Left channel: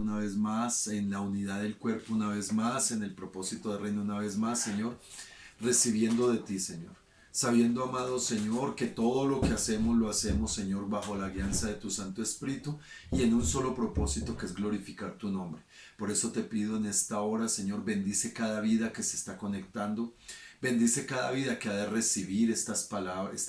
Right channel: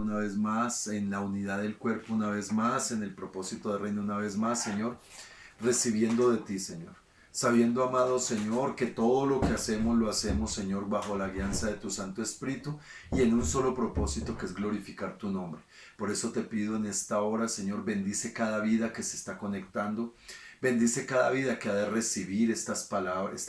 una vez más, en la unidad del cuerpo una vez más, en el propósito del reino una vez más, Señor, recibiendo de ti, Señor. Sabiendo, amado Señor, que todo lo que hacemos lo hacemos, Señor, bajo la guianza de tu Santo Espíritu y en un solo propósito, que es glorificar tu nombre. Por eso te pido en esta hora, Señor, bendice cada vida que se está conectando. Bendice cada vida que ha de recibir esta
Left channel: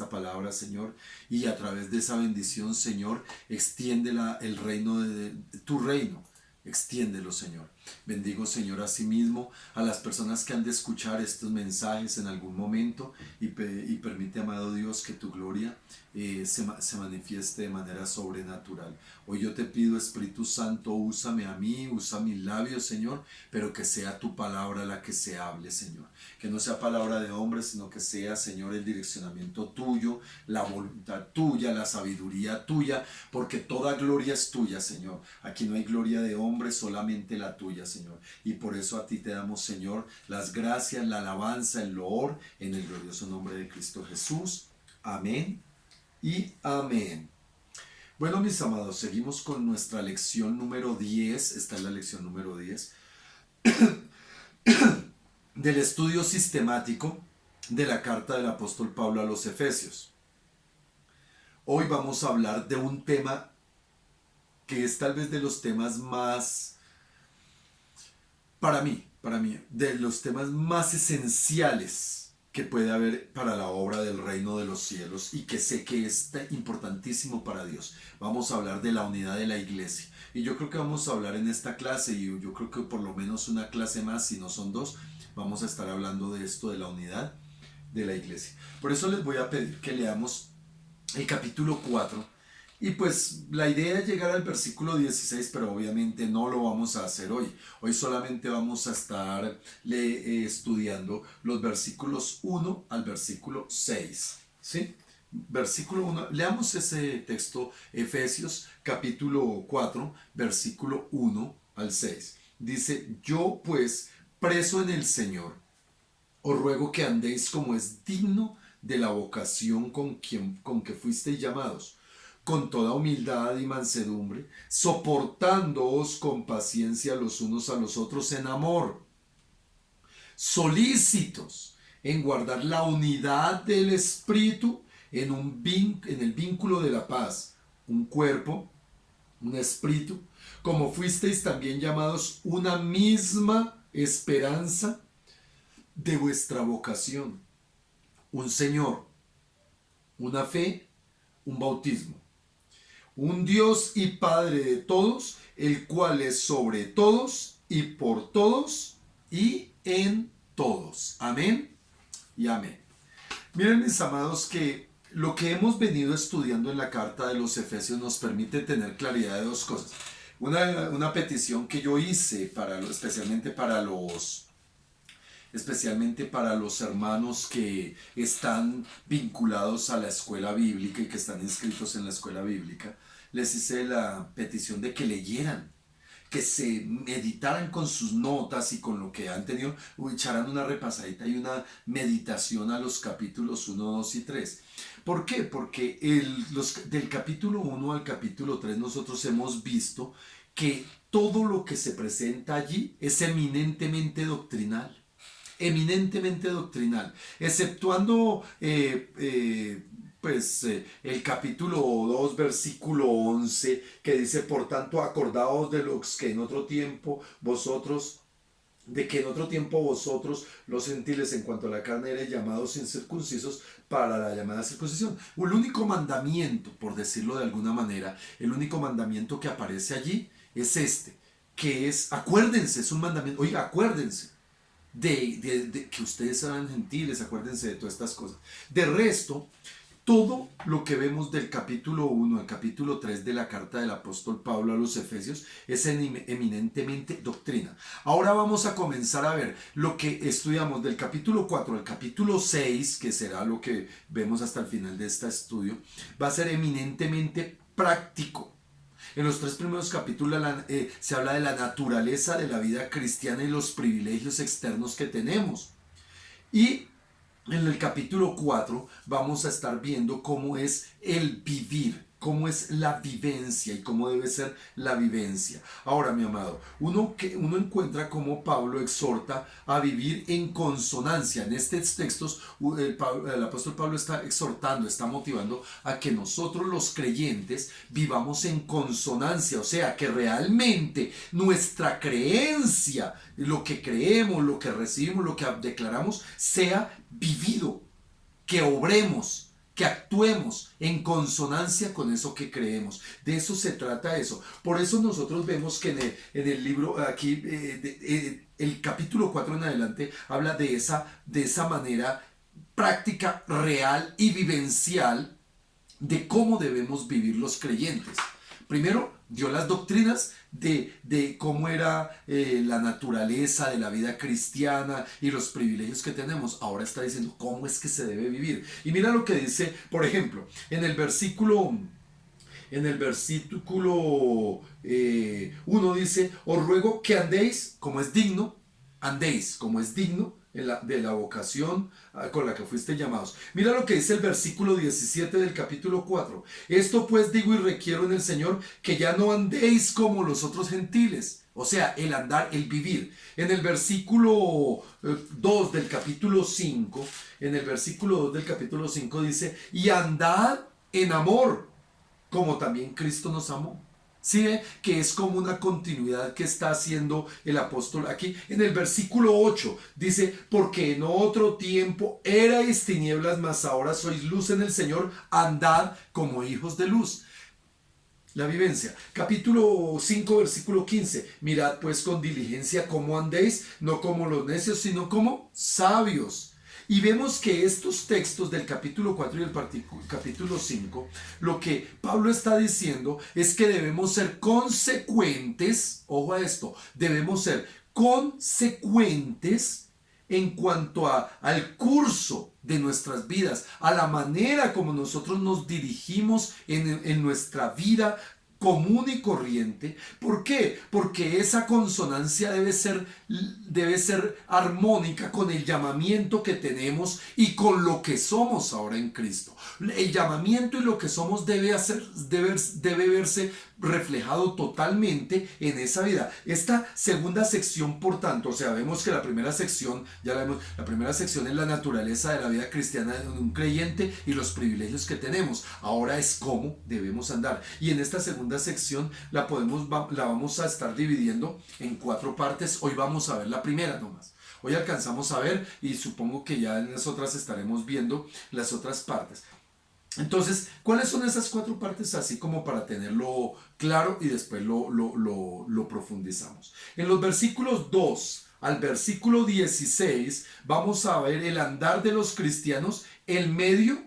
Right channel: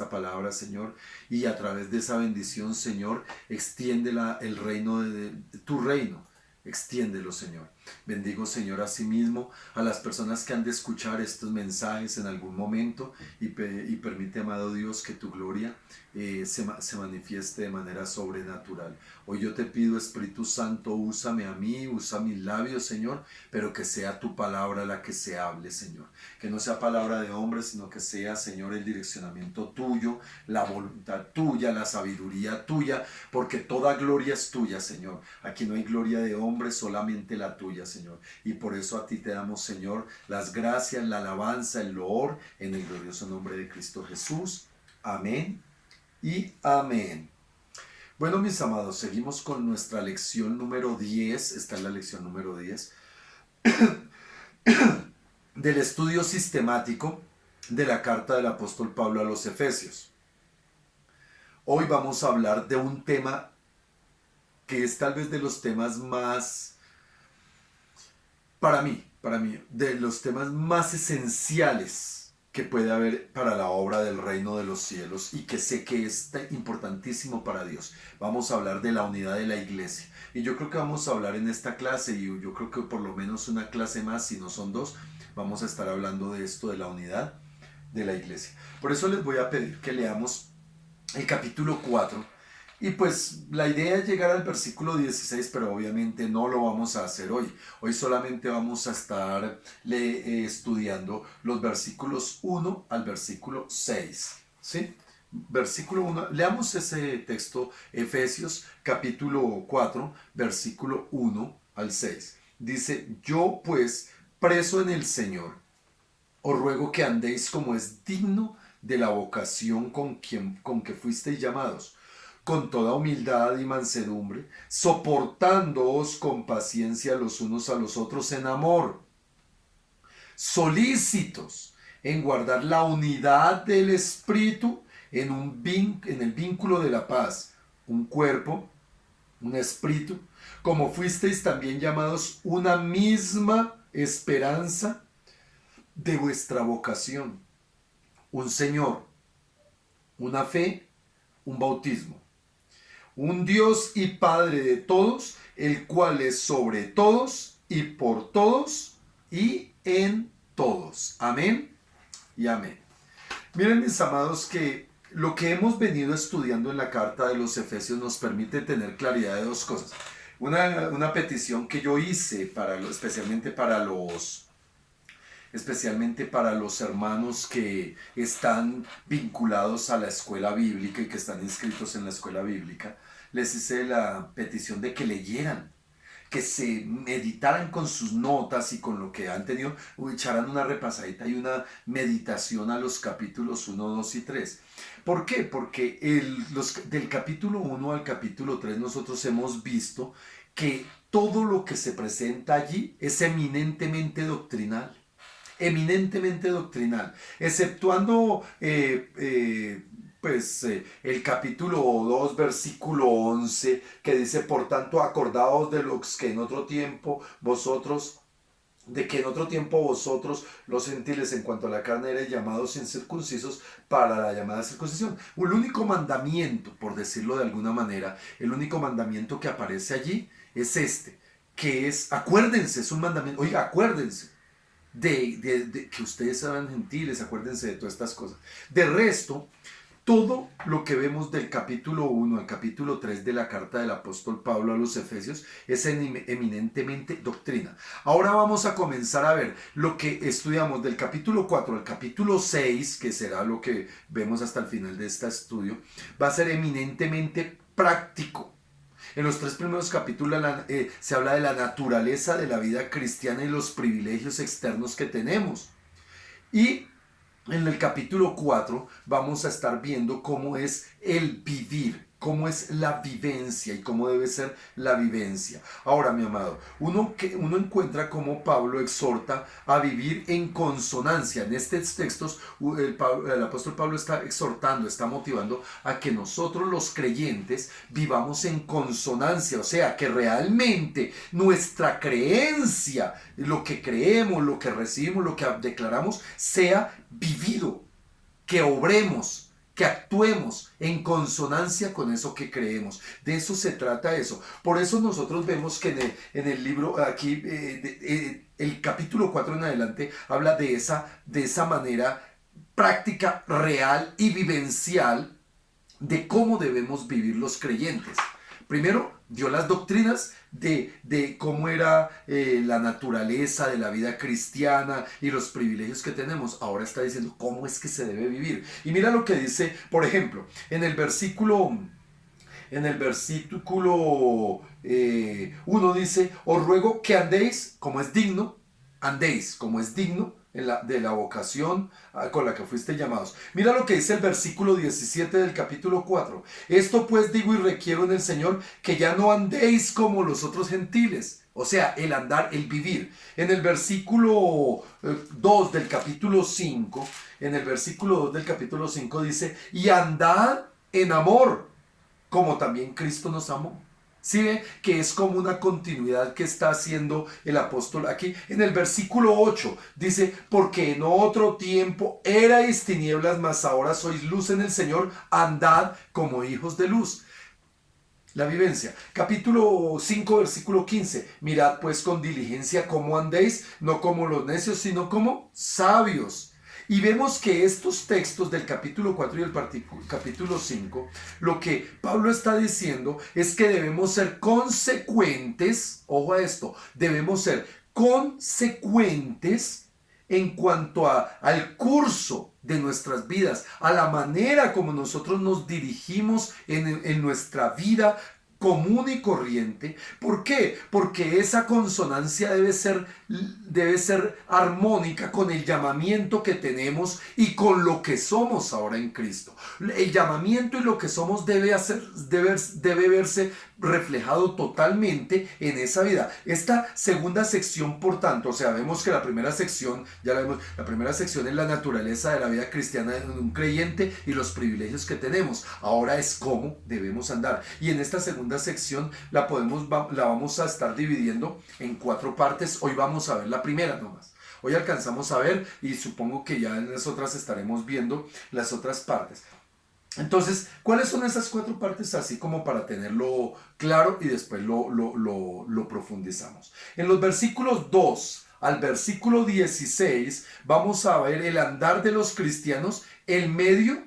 palabra, Señor, y a través de esa bendición, Señor, extiende el reino de tu reino. Extiéndelo, Señor. Bendigo, Señor, asimismo a las personas que han de escuchar estos mensajes en algún momento y permite, amado Dios, que tu gloria se manifieste de manera sobrenatural. Hoy yo te pido, Espíritu Santo, úsame a mí, usa mis labios, Señor, pero que sea tu palabra la que se hable, Señor. Que no sea palabra de hombre, sino que sea, Señor, el direccionamiento tuyo, la voluntad tuya, la sabiduría tuya, porque toda gloria es tuya, Señor. Aquí no hay gloria de hombre, solamente la tuya, Señor. Y por eso a ti te damos, Señor, las gracias, la alabanza, el loor, en el glorioso nombre de Cristo Jesús. Amén y amén. Bueno, mis amados, seguimos con nuestra lección número 10. Esta es la lección número 10 del estudio sistemático de la carta del apóstol Pablo a los Efesios. Hoy vamos a hablar de un tema que es tal vez de los temas más, para mí, de los temas más esenciales que puede haber para la obra del reino de los cielos y que sé que es importantísimo para Dios. Vamos a hablar de la unidad de la iglesia. Y yo creo que vamos a hablar en esta clase, y yo creo que por lo menos una clase más, si no son dos, vamos a estar hablando de esto, de la unidad de la iglesia. Por eso les voy a pedir que leamos el capítulo 4. Y pues la idea es llegar al versículo 16, pero obviamente no lo vamos a hacer hoy. Hoy solamente vamos a estar estudiando los versículos 1 al versículo 6. ¿Sí? Versículo 1, leamos ese texto, Efesios capítulo 4, versículo 1 al 6. Dice: yo pues, preso en el Señor, os ruego que andéis como es digno de la vocación con que fuisteis llamados, con toda humildad y mansedumbre, soportándoos con paciencia los unos a los otros en amor, solícitos en guardar la unidad del Espíritu en el vínculo de la paz, un cuerpo, un espíritu, como fuisteis también llamados una misma esperanza de vuestra vocación, un Señor, una fe, un bautismo, un Dios y Padre de todos, el cual es sobre todos y por todos y en todos. Amén y amén. Miren, mis amados, que lo que hemos venido estudiando en la carta de los Efesios nos permite tener claridad de dos cosas. Una petición que yo hice especialmente para los hermanos que están vinculados a la escuela bíblica y que están inscritos en la escuela bíblica. Les hice la petición de que leyeran, que se meditaran con sus notas y con lo que han tenido, echaran una repasadita y una meditación a los capítulos 1, 2 y 3. ¿Por qué? Porque del capítulo 1 al capítulo 3 nosotros hemos visto que todo lo que se presenta allí es eminentemente doctrinal. Eminentemente doctrinal, exceptuando el capítulo 2, versículo 11, que dice: por tanto, acordaos de los que en otro tiempo vosotros, los gentiles, en cuanto a la carne, eres llamados incircuncisos para la llamada circuncisión. El único mandamiento, por decirlo de alguna manera, el único mandamiento que aparece allí es este, que es: acuérdense, es un mandamiento, oiga, acuérdense de que ustedes sean gentiles, acuérdense de todas estas cosas. De resto, todo lo que vemos del capítulo 1 al capítulo 3 de la carta del apóstol Pablo a los Efesios es eminentemente doctrina. Ahora vamos a comenzar a ver lo que estudiamos del capítulo 4 al capítulo 6, que será lo que vemos hasta el final de este estudio. Va a ser eminentemente práctico. En los 3 primeros capítulos se habla de la naturaleza de la vida cristiana y los privilegios externos que tenemos. Y en el capítulo 4 vamos a estar viendo cómo es el vivir cómo es la vivencia y cómo debe ser la vivencia. Ahora, mi amado, uno encuentra cómo Pablo exhorta a vivir en consonancia. En estos textos, el apóstol Pablo está exhortando, está motivando a que nosotros los creyentes vivamos en consonancia, o sea, que realmente nuestra creencia, lo que creemos, lo que recibimos, lo que declaramos, sea vivido, que obremos, que actuemos en consonancia con eso que creemos. De eso se trata eso. Por eso nosotros vemos que en el libro aquí, el capítulo 4 en adelante, habla de esa manera práctica, real y vivencial de cómo debemos vivir los creyentes. Primero, dio las doctrinas de cómo era la naturaleza de la vida cristiana y los privilegios que tenemos. Ahora está diciendo cómo es que se debe vivir. Y mira lo que dice, por ejemplo, en el versículo 1 dice: os ruego que andéis como es digno de la vocación con la que fuiste llamados. Mira lo que dice el versículo 17 del capítulo 4. Esto pues digo y requiero en el Señor, que ya no andéis como los otros gentiles. O sea, el andar, el vivir. En el versículo 2 del capítulo 5, dice: y andad en amor, como también Cristo nos amó. ¿Sí ve? Que es como una continuidad que está haciendo el apóstol aquí. En el versículo 8 dice: porque en otro tiempo erais tinieblas, mas ahora sois luz en el Señor, andad como hijos de luz. La vivencia. Capítulo 5, versículo 15. Mirad pues con diligencia cómo andéis, no como los necios, sino como sabios. Y vemos que estos textos del capítulo 4 y el capítulo 5, lo que Pablo está diciendo es que debemos ser consecuentes, ojo a esto, debemos ser consecuentes en cuanto al curso de nuestras vidas, a la manera como nosotros nos dirigimos en nuestra vida común y corriente. ¿Por qué? Porque esa consonancia debe ser armónica con el llamamiento que tenemos y con lo que somos ahora en Cristo. El llamamiento y lo que somos debe verse reflejado totalmente en esa vida. Esta segunda sección, por tanto, o sea, vemos que la primera sección, ya la vemos, la primera sección es la naturaleza de la vida cristiana de un creyente y los privilegios que tenemos. Ahora es cómo debemos andar. Y en esta segunda sección la vamos a estar dividiendo en 4 partes. Hoy vamos a ver la primera nomás. Hoy alcanzamos a ver, y supongo que ya en las otras estaremos viendo las otras partes. Entonces, ¿cuáles son esas 4 partes? Así como para tenerlo claro y después lo profundizamos. En los versículos 2 al versículo 16 vamos a ver el andar de los cristianos en medio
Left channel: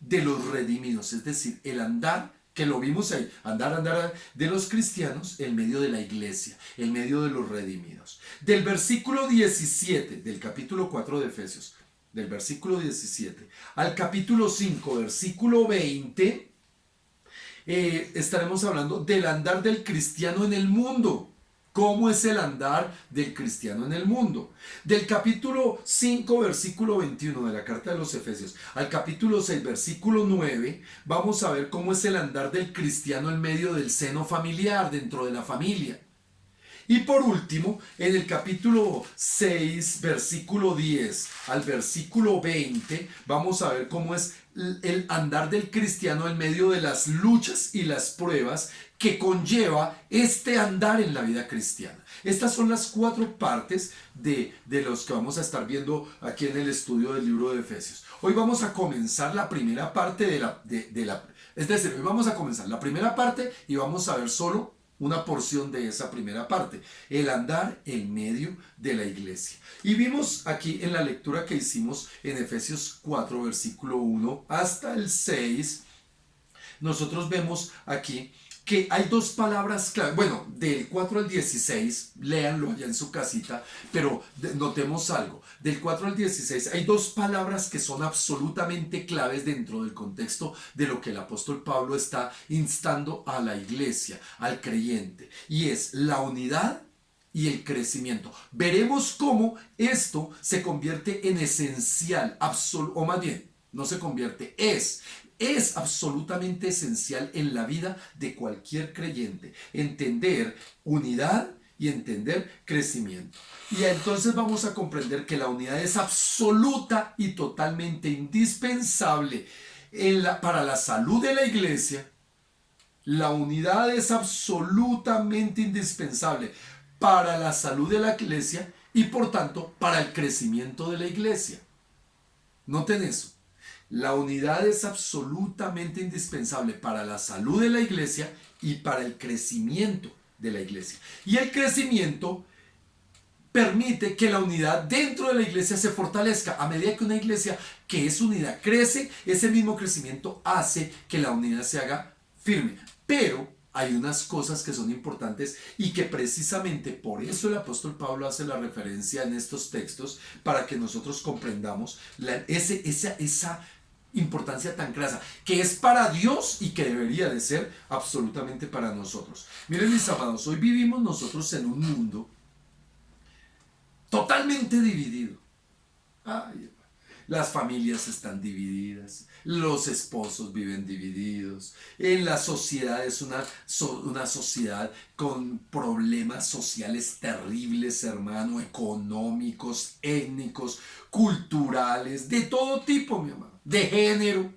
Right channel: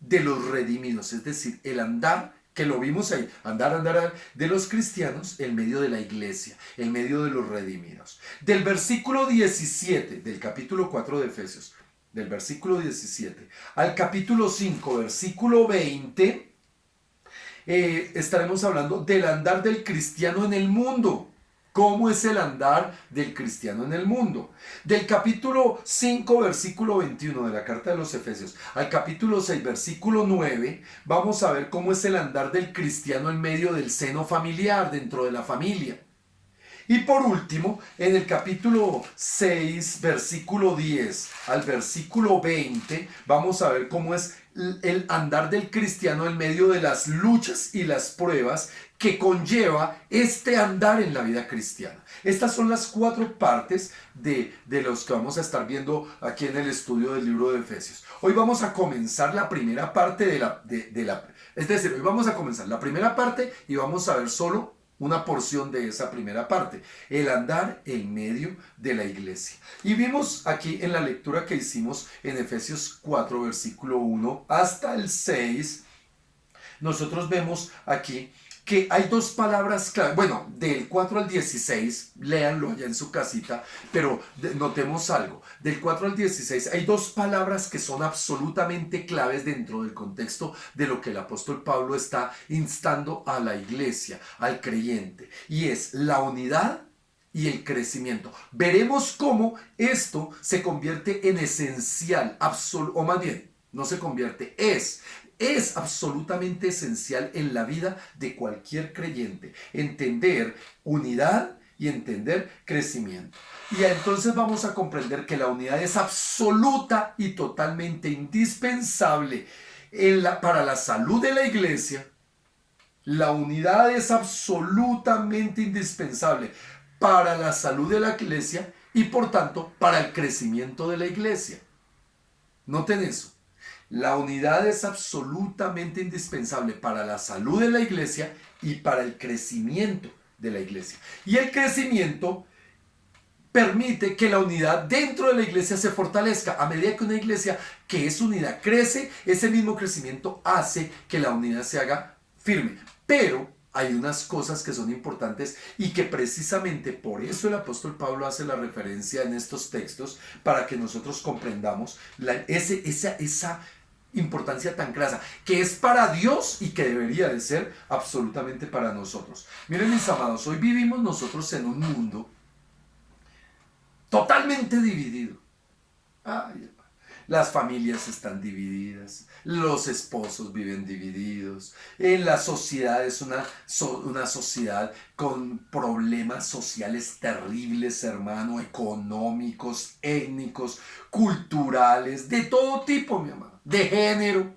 de los redimidos. Es decir, el andar que lo vimos ahí, andar de los cristianos en medio de la iglesia, en medio de los redimidos. Del versículo 17 del capítulo 4 de Efesios, del versículo 17 al capítulo 5, versículo 20, estaremos hablando del andar del cristiano en el mundo. ¿Cómo es el andar del cristiano en el mundo? Del capítulo 5, versículo 21 de la carta de los Efesios al capítulo 6, versículo 9, vamos a ver cómo es el andar del cristiano en medio del seno familiar, dentro de la familia. Y por último, en el capítulo 6, versículo 10 al versículo 20, vamos a ver cómo es el andar del cristiano en medio de las luchas y las pruebas que conlleva este andar en la vida cristiana. Estas son las 4 partes de los que vamos a estar viendo aquí en el estudio del libro de Efesios. Hoy vamos a comenzar la primera parte es decir, hoy vamos a comenzar la primera parte y vamos a ver solo una porción de esa primera parte, el andar en medio de la iglesia. Y vimos aquí en la lectura que hicimos en Efesios 4, versículo 1 hasta el 6, nosotros vemos aquí que hay 2 palabras clave. Bueno, del 4 al 16, léanlo allá en su casita, pero notemos algo. Del 4 al 16 hay 2 palabras que son absolutamente claves dentro del contexto de lo que el apóstol Pablo está instando a la iglesia, al creyente. Y es la unidad y el crecimiento. Veremos cómo esto se convierte en esencial, o más bien, no se convierte, es es absolutamente esencial en la vida de cualquier creyente. Entender unidad y entender crecimiento. Y entonces vamos a comprender que la unidad es absoluta y totalmente indispensable para la salud de la iglesia. La unidad es absolutamente indispensable para la salud de la iglesia y por tanto para el crecimiento de la iglesia. Noten eso. La unidad es absolutamente indispensable para la salud de la iglesia y para el crecimiento de la iglesia. Y el crecimiento permite que la unidad dentro de la iglesia se fortalezca. A medida que una iglesia que es unida crece, ese mismo crecimiento hace que la unidad se haga firme. Pero hay unas cosas que son importantes y que precisamente por eso el apóstol Pablo hace la referencia en estos textos, para que nosotros comprendamos esa importancia tan grasa, que es para Dios y que debería de ser absolutamente para nosotros. Miren, mis amados, hoy vivimos nosotros en un mundo totalmente dividido. Ay, las familias están divididas, los esposos viven divididos, en la sociedad es una sociedad con problemas sociales terribles, hermano, económicos, étnicos, culturales, de todo tipo, mi amado, de género.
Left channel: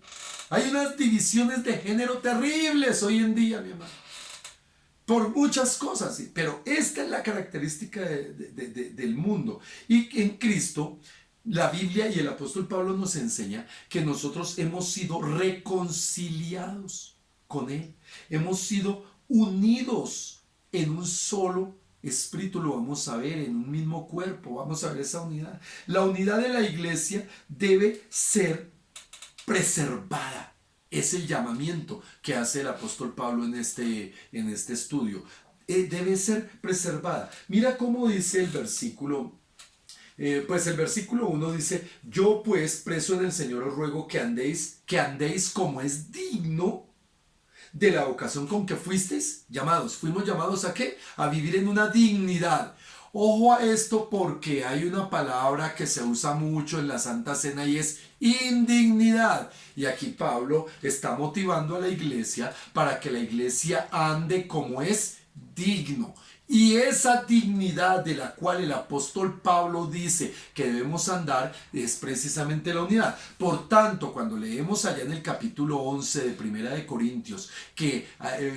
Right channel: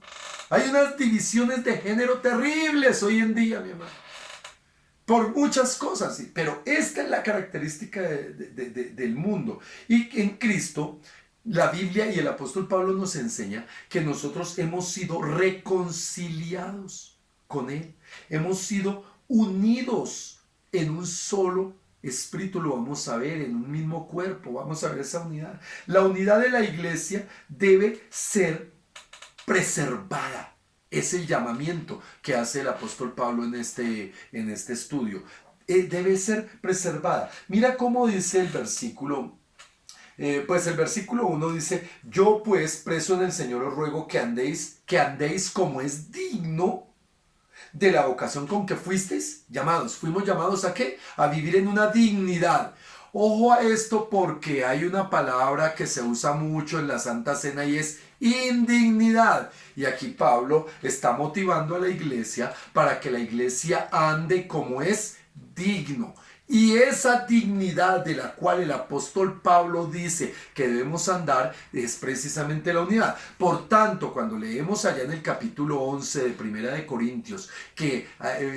Hay unas divisiones de género terribles hoy en día, mi amado, por muchas cosas, ¿sí? Pero esta es la característica del mundo. Y en Cristo, la Biblia y el apóstol Pablo nos enseña que nosotros hemos sido reconciliados con Él. Hemos sido unidos en un solo espíritu, lo vamos a ver, en un mismo cuerpo. Vamos a ver esa unidad. La unidad de la iglesia debe ser preservada. Es el llamamiento que hace el apóstol Pablo en este estudio. Debe ser preservada. Mira cómo dice el versículo. Pues el versículo 1 dice: yo pues, preso en el Señor, os ruego que andéis como es digno de la vocación con que fuisteis llamados. ¿Fuimos llamados a qué? A vivir en una dignidad. Ojo a esto, porque hay una palabra que se usa mucho en la Santa Cena y es indignidad. Y aquí Pablo está motivando a la iglesia para que la iglesia ande como es digno. Y esa dignidad de la cual el apóstol Pablo dice que debemos andar es precisamente la unidad. Por tanto, cuando leemos allá en el capítulo 11 de Primera de Corintios que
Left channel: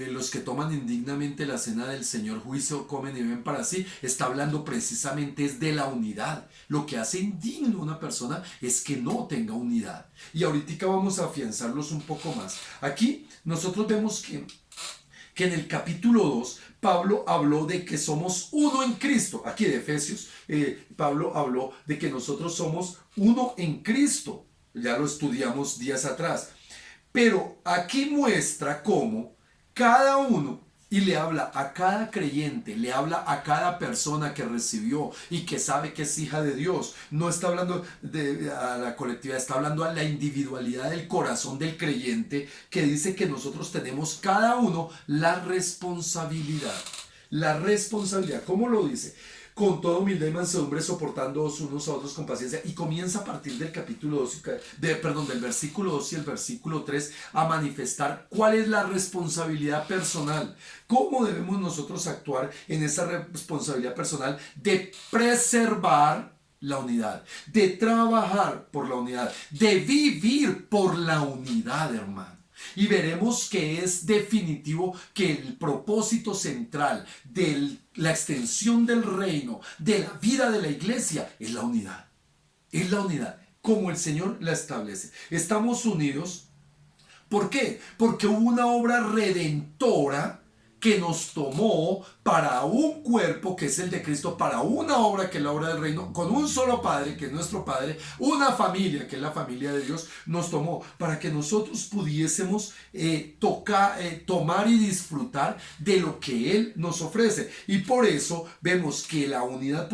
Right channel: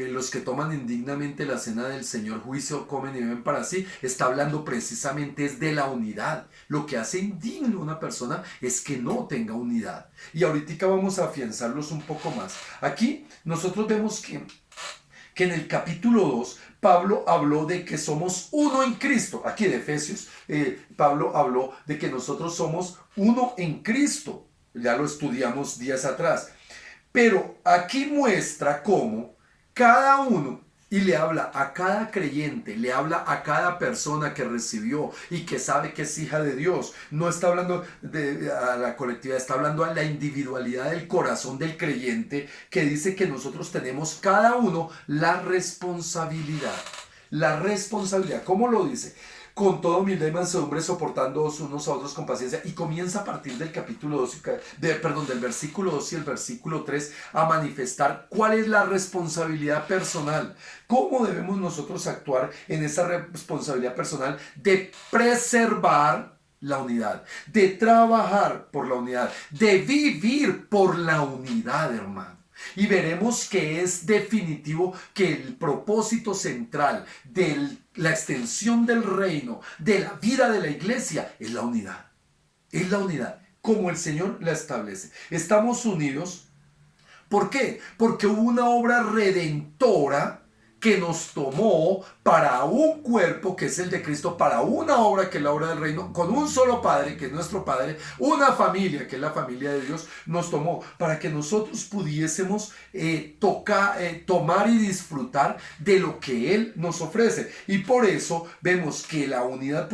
los que toman indignamente la cena del Señor juicio comen y beben para sí, está hablando precisamente es de la unidad. Lo que hace indigno a una persona es que no tenga unidad. Y ahorita vamos a afianzarlos un poco más. Aquí nosotros vemos que en el capítulo 2 Pablo habló de que somos uno en Cristo. Aquí de Efesios, Pablo habló de que nosotros somos uno en Cristo. Ya lo estudiamos días atrás. Pero aquí muestra cómo cada uno, y le habla a cada creyente, le habla a cada persona que recibió y que sabe que es hija de Dios. No está hablando a la colectividad, está hablando a la individualidad del corazón del creyente, que dice que nosotros tenemos cada uno la responsabilidad. La responsabilidad, ¿cómo lo dice? Con toda humildad y mansedumbre, soportándoos unos a otros con paciencia. Y comienza a partir del capítulo 2, del versículo 2 y el versículo 3 a manifestar cuál es la responsabilidad personal. ¿Cómo debemos nosotros actuar en esa responsabilidad personal de preservar la unidad, de trabajar por la unidad, de vivir por la unidad, hermano? Y veremos que es definitivo que el propósito central de la extensión del reino, de la vida de la iglesia, es la unidad. Es la unidad, como el Señor la establece. Estamos unidos. ¿Por qué? Porque hubo una obra redentora que nos tomó para un cuerpo que es el de Cristo, para una obra que es la obra del reino, con un solo Padre que es nuestro Padre, una familia que es la familia de Dios, nos tomó para que nosotros pudiésemos tomar y disfrutar de lo que Él nos ofrece. Y por eso vemos que la unidad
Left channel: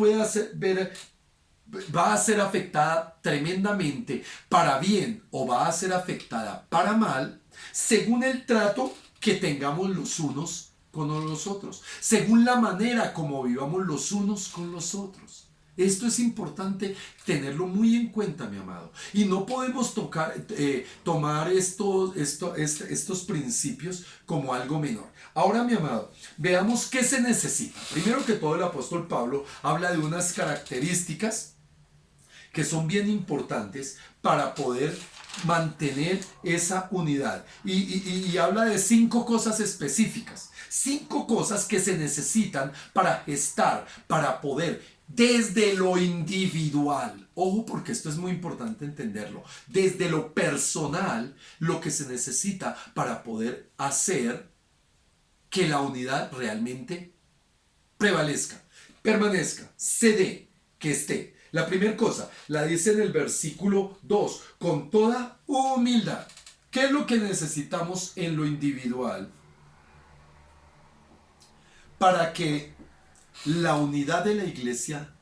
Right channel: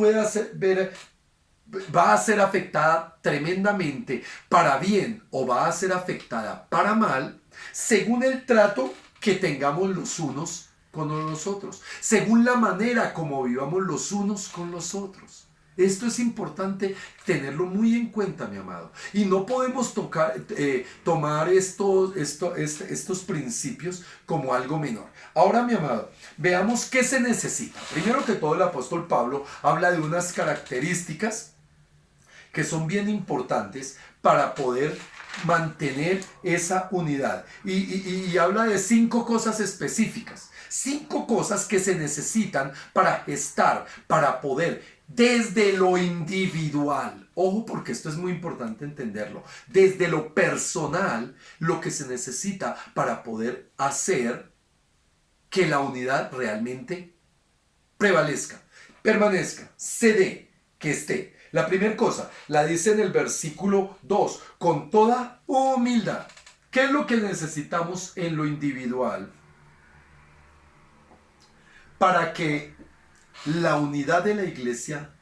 va a ser afectada tremendamente para bien o va a ser afectada para mal, según el trato que tengamos los unos con los otros, según la manera como vivamos los unos con los otros. Esto es importante tenerlo muy en cuenta, mi amado. Y no podemos tomar estos principios como algo menor. Ahora, mi amado, veamos qué se necesita. Primero que todo, el apóstol Pablo habla de unas características que son bien importantes para poder mantener esa unidad. Y habla de 5 cosas específicas, 5 cosas que se necesitan para gestar, para poder, desde lo individual. Ojo, porque esto es muy importante entenderlo. Desde lo personal, lo que se necesita para poder hacer que la unidad realmente prevalezca, permanezca, se dé, que esté. La primera cosa la dice en el versículo 2, con toda humildad. ¿Qué es lo que necesitamos en lo individual para que la unidad de la iglesia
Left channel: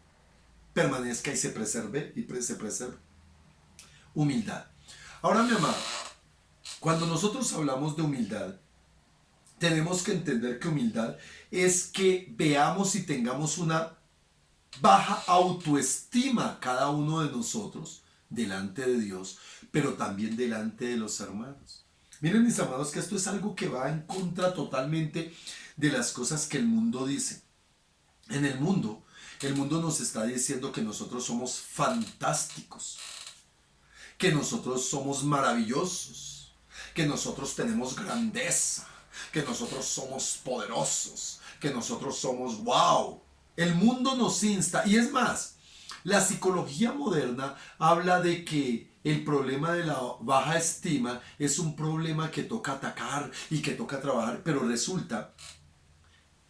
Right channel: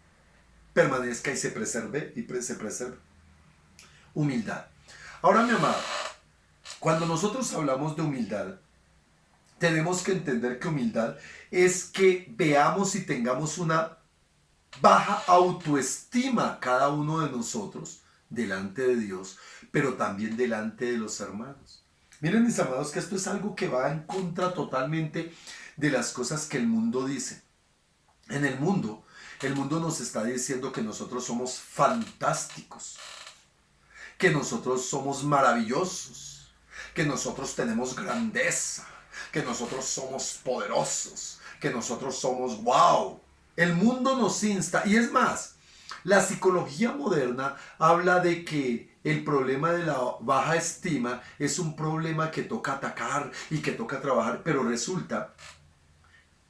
permanezca y se preserve? Humildad. Ahora, mi amado, cuando nosotros hablamos de humildad, tenemos que entender que humildad es que veamos y tengamos una baja autoestima cada uno de nosotros delante de Dios, pero también delante de los hermanos. Miren, mis amados, que esto es algo que va en contra totalmente de las cosas que el mundo dice. En el mundo nos está diciendo que nosotros somos fantásticos, que nosotros somos maravillosos, que nosotros tenemos grandeza, que nosotros somos poderosos, que nosotros somos wow. El mundo nos insta, y es más, la psicología moderna habla de que el problema de la baja estima es un problema que toca atacar y que toca trabajar, pero resulta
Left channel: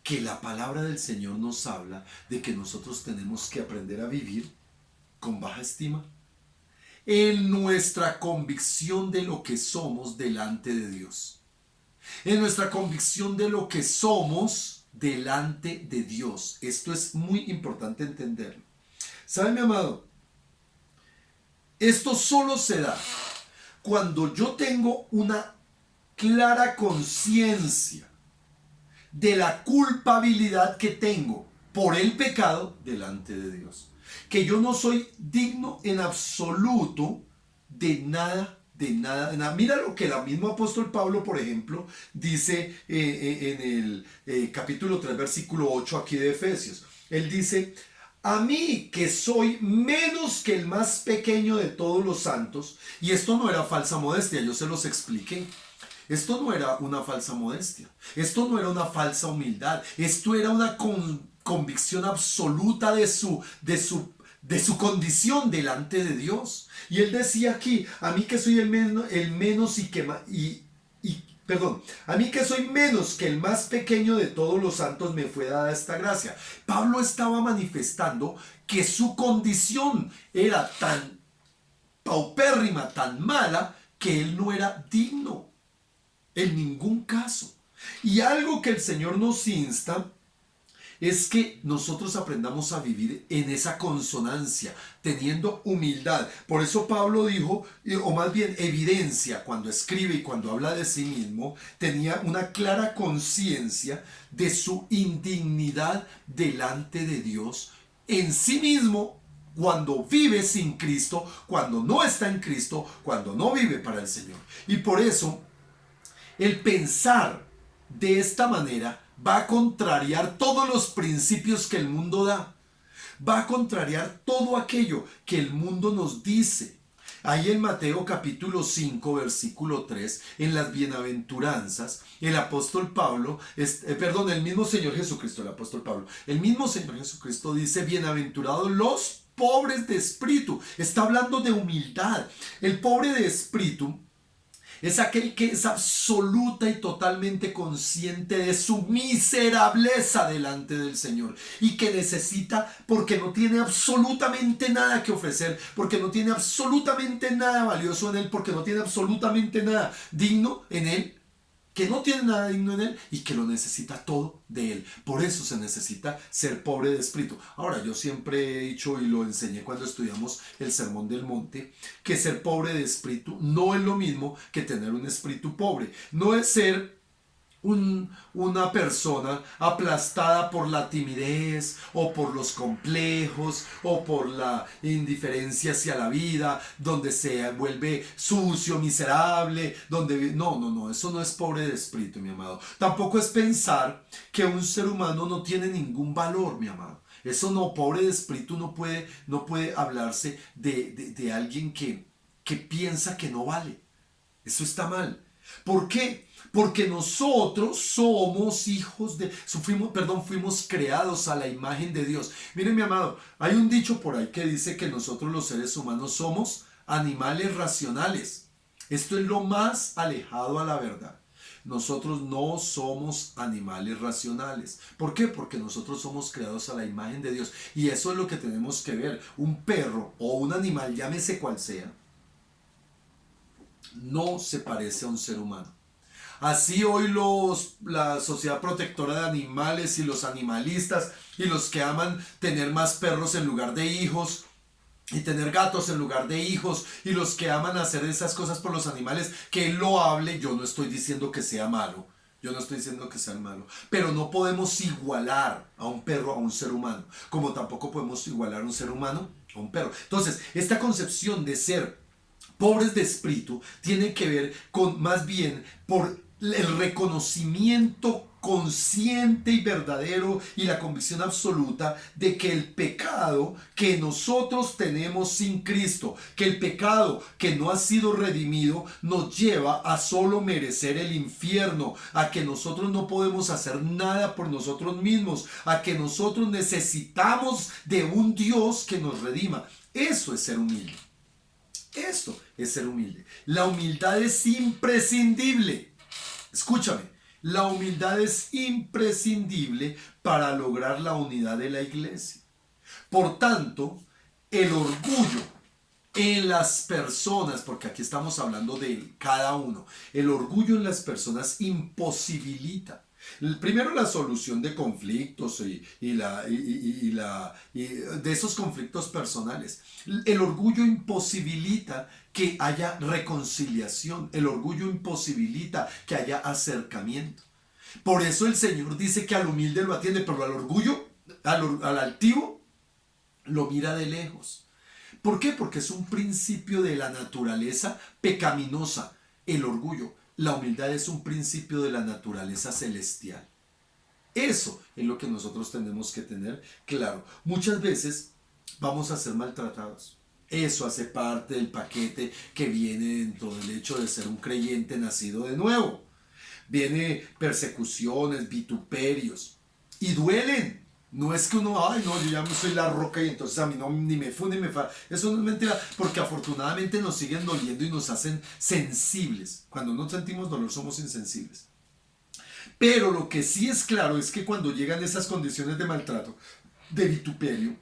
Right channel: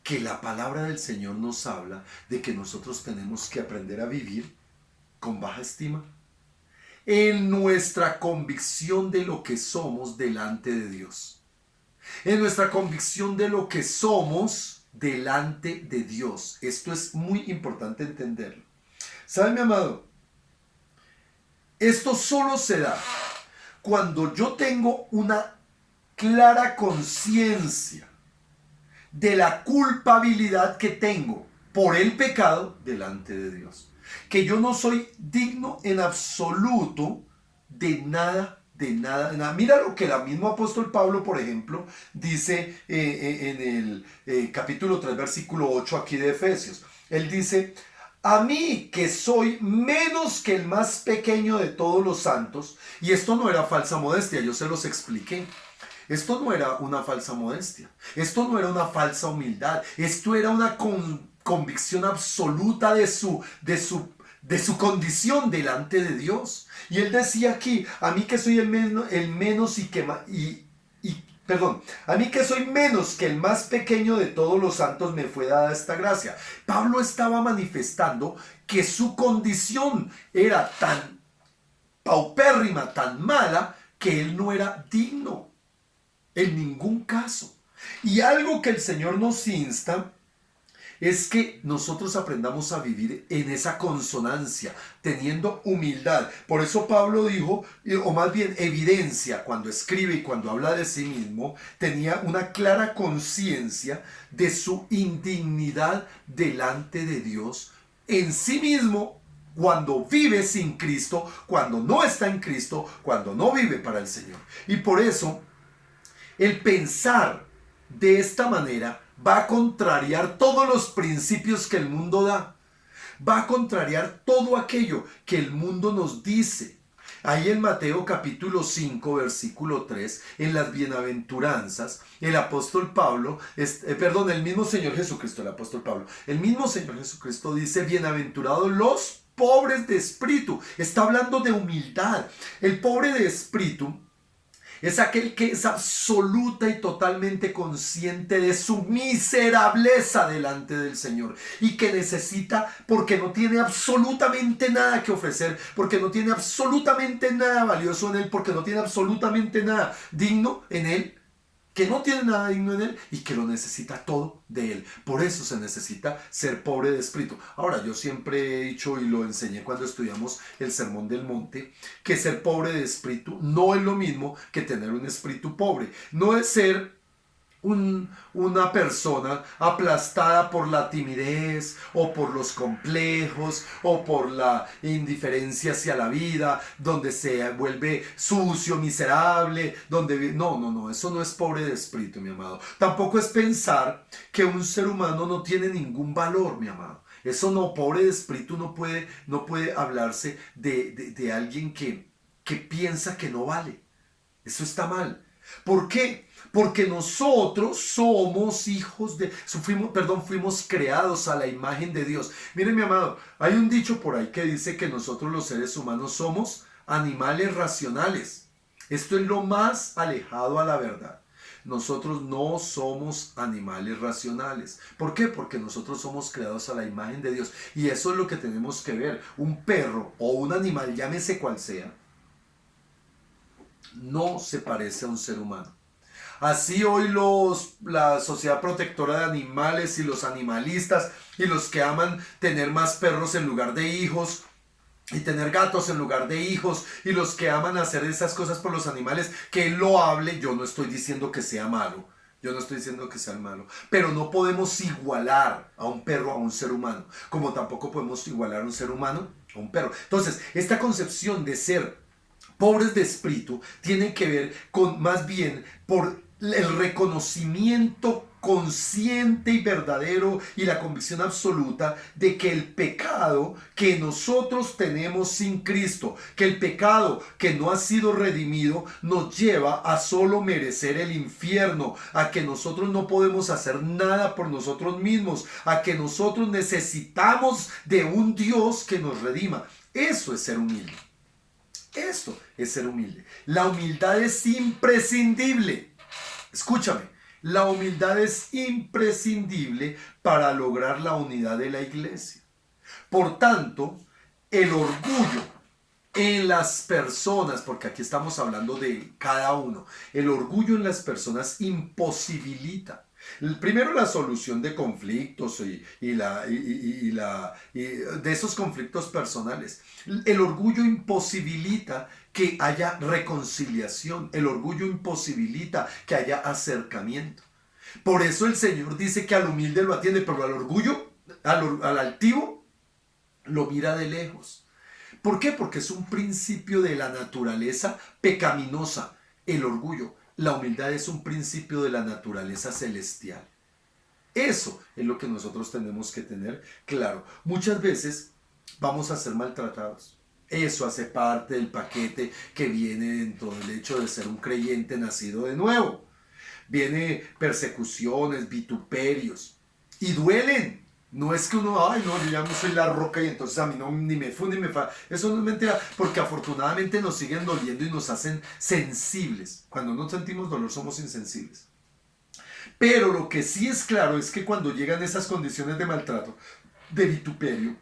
que la palabra del Señor nos habla de que nosotros tenemos que aprender a vivir con baja estima en nuestra convicción de lo que somos delante de Dios, en nuestra convicción de lo que somos delante de Dios. Esto es muy importante entenderlo. ¿Sabe, mi amado? Esto solo se da cuando yo tengo una clara conciencia de la culpabilidad que tengo por el pecado delante de Dios. Que yo no soy digno en absoluto de nada. De nada, de nada. Mira lo que el mismo apóstol Pablo, por ejemplo, dice en el capítulo 3, versículo 8 aquí de Efesios. Él dice: a mí, que soy menos que el más pequeño de todos los santos. Y esto no era falsa modestia, yo se los expliqué. Esto no era una falsa modestia, esto no era una falsa humildad, esto era una convicción absoluta de su condición delante de Dios. Y él decía aquí: a mí que soy a mí que soy menos que el más pequeño de todos los santos, me fue dada esta gracia. Pablo estaba manifestando que su condición era tan paupérrima, tan mala, que él no era digno en ningún caso. Y algo que el Señor nos insta es que nosotros aprendamos a vivir en esa consonancia, teniendo humildad. Por eso Pablo dijo, o más bien evidencia, cuando escribe y cuando habla de sí mismo, tenía una clara conciencia de su indignidad delante de Dios en sí mismo, cuando vive sin Cristo, cuando no está en Cristo, cuando no vive para el Señor. Y por eso, el pensar de esta manera va a contrariar todos los principios que el mundo da. Va a contrariar todo aquello que el mundo nos dice. Ahí en Mateo capítulo 5, versículo 3, en las bienaventuranzas, el apóstol Pablo, el mismo Señor Jesucristo, el apóstol Pablo, el mismo Señor Jesucristo dice: bienaventurados los pobres de espíritu. Está hablando de humildad. El pobre de espíritu es aquel que es absoluta y totalmente consciente de su miserableza delante del Señor y que necesita, porque no tiene absolutamente nada que ofrecer, porque no tiene absolutamente nada valioso en Él, porque no tiene absolutamente nada digno en Él, que no tiene nada digno en Él y que lo necesita todo de Él. Por eso se necesita ser pobre de espíritu. Ahora, yo siempre he dicho, y lo enseñé cuando estudiamos el Sermón del Monte, que ser pobre de espíritu no es lo mismo que tener un espíritu pobre. No es ser una persona aplastada por la timidez o por los complejos o por la indiferencia hacia la vida, donde se vuelve sucio, miserable, donde... No, no, no, eso no es pobre de espíritu, mi amado. Tampoco es pensar que un ser humano no tiene ningún valor, mi amado. Eso no, pobre de espíritu no puede hablarse de alguien que piensa que no vale. Eso está mal. ¿Por qué? Porque nosotros somos hijos de... fuimos creados a la imagen de Dios. Miren, mi amado, hay un dicho por ahí que dice que nosotros los seres humanos somos animales racionales. Esto es lo más alejado a la verdad. Nosotros no somos animales racionales. ¿Por qué? Porque nosotros somos creados a la imagen de Dios. Y eso es lo que tenemos que ver. Un perro o un animal, llámese cual sea, no se parece a un ser humano. Así hoy la Sociedad Protectora de Animales y los animalistas y los que aman tener más perros en lugar de hijos y tener gatos en lugar de hijos y los que aman hacer esas cosas por los animales, que él lo hable, yo no estoy diciendo que sea malo. Yo no estoy diciendo que sea malo, pero no podemos igualar a un perro a un ser humano, como tampoco podemos igualar a un ser humano a un perro. Entonces, esta concepción de ser pobres de espíritu tiene que ver con más bien por el reconocimiento consciente y verdadero y la convicción absoluta de que el pecado que nosotros tenemos sin Cristo, que el pecado que no ha sido redimido nos lleva a solo merecer el infierno, a que nosotros no podemos hacer nada por nosotros mismos, a que nosotros necesitamos de un Dios que nos redima. Eso es ser humilde. Esto es ser humilde. La humildad es imprescindible. Escúchame, la humildad es imprescindible para lograr la unidad de la iglesia. Por tanto, el orgullo en las personas, porque aquí estamos hablando de cada uno, el orgullo en las personas imposibilita. Primero, la solución de conflictos y de esos conflictos personales. El orgullo imposibilita que haya reconciliación. El orgullo imposibilita que haya acercamiento. Por eso el Señor dice que al humilde lo atiende, pero al orgullo, al altivo, lo mira de lejos. ¿Por qué? Porque es un principio de la naturaleza pecaminosa, el orgullo. La humildad es un principio de la naturaleza celestial. Eso es lo que nosotros tenemos que tener claro. Muchas veces vamos a ser maltratados. Eso hace parte del paquete que viene dentro del hecho de ser un creyente nacido de nuevo. Viene persecuciones, vituperios y duelen. No es que uno, ay no, yo ya no soy la roca y entonces a mí no ni me fu ni me fa. Eso no es mentira, porque afortunadamente nos siguen doliendo y nos hacen sensibles. Cuando no sentimos dolor somos insensibles. Pero lo que sí es claro es que cuando llegan esas condiciones de maltrato, de vituperio,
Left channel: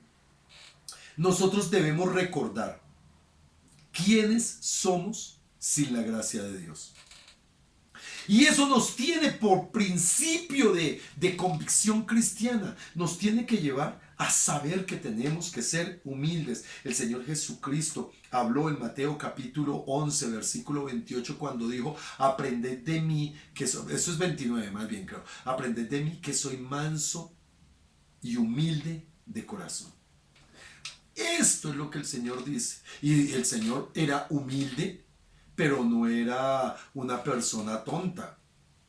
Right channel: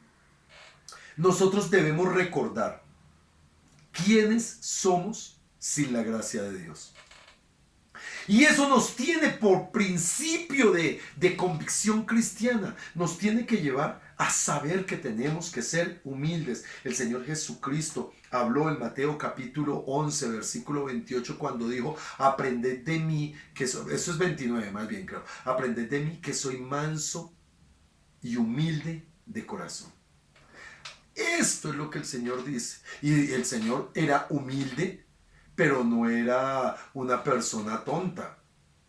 nosotros debemos recordar quiénes somos sin la gracia de Dios. Y eso nos tiene por principio de convicción cristiana, nos tiene que llevar a saber que tenemos que ser humildes. El Señor Jesucristo habló en Mateo capítulo 11, versículo 28, cuando dijo, aprended de mí, eso es 29 más bien creo, aprended de mí que soy manso y humilde de corazón. Esto es lo que el Señor dice. Y el Señor era humilde, pero no era una persona tonta,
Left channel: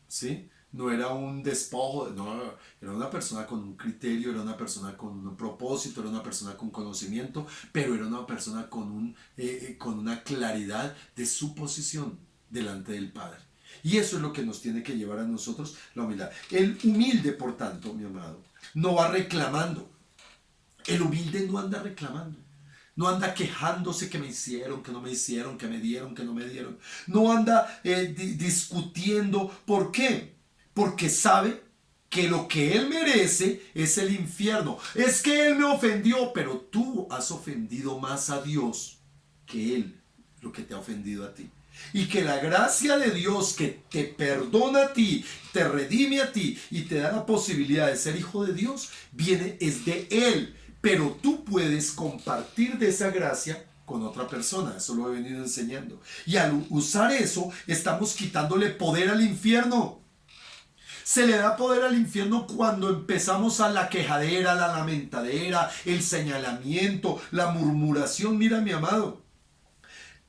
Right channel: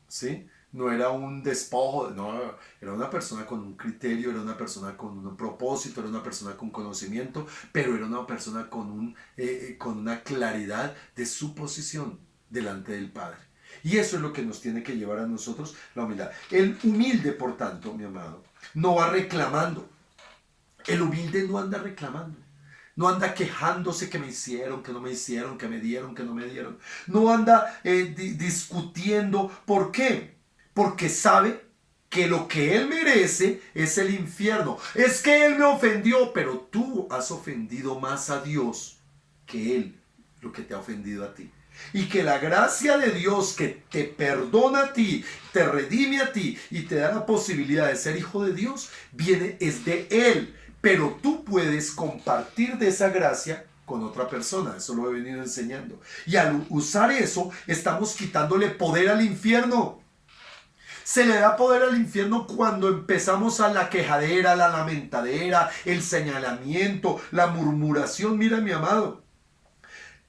¿sí? No era un despojo, no, era una persona con un criterio, era una persona con un propósito, era una persona con conocimiento, pero era una persona con una claridad de su posición delante del Padre. Y eso es lo que nos tiene que llevar a nosotros la humildad. El humilde, por tanto, mi amado, no va reclamando. El humilde no anda reclamando. No anda quejándose que me hicieron, que no me hicieron, que me dieron, que no me dieron. No anda discutiendo. ¿Por qué? Porque sabe que lo que él merece es el infierno. Es que él me ofendió, pero tú has ofendido más a Dios que él, lo que te ha ofendido a ti. Y que la gracia de Dios que te perdona a ti, te redime a ti y te da la posibilidad de ser hijo de Dios, es de él. Pero tú puedes compartir de esa gracia con otra persona. Eso lo he venido enseñando. Y al usar eso, estamos quitándole poder al infierno. Se le da poder al infierno cuando empezamos a la quejadera, la lamentadera, el señalamiento, la murmuración. Mira, mi amado,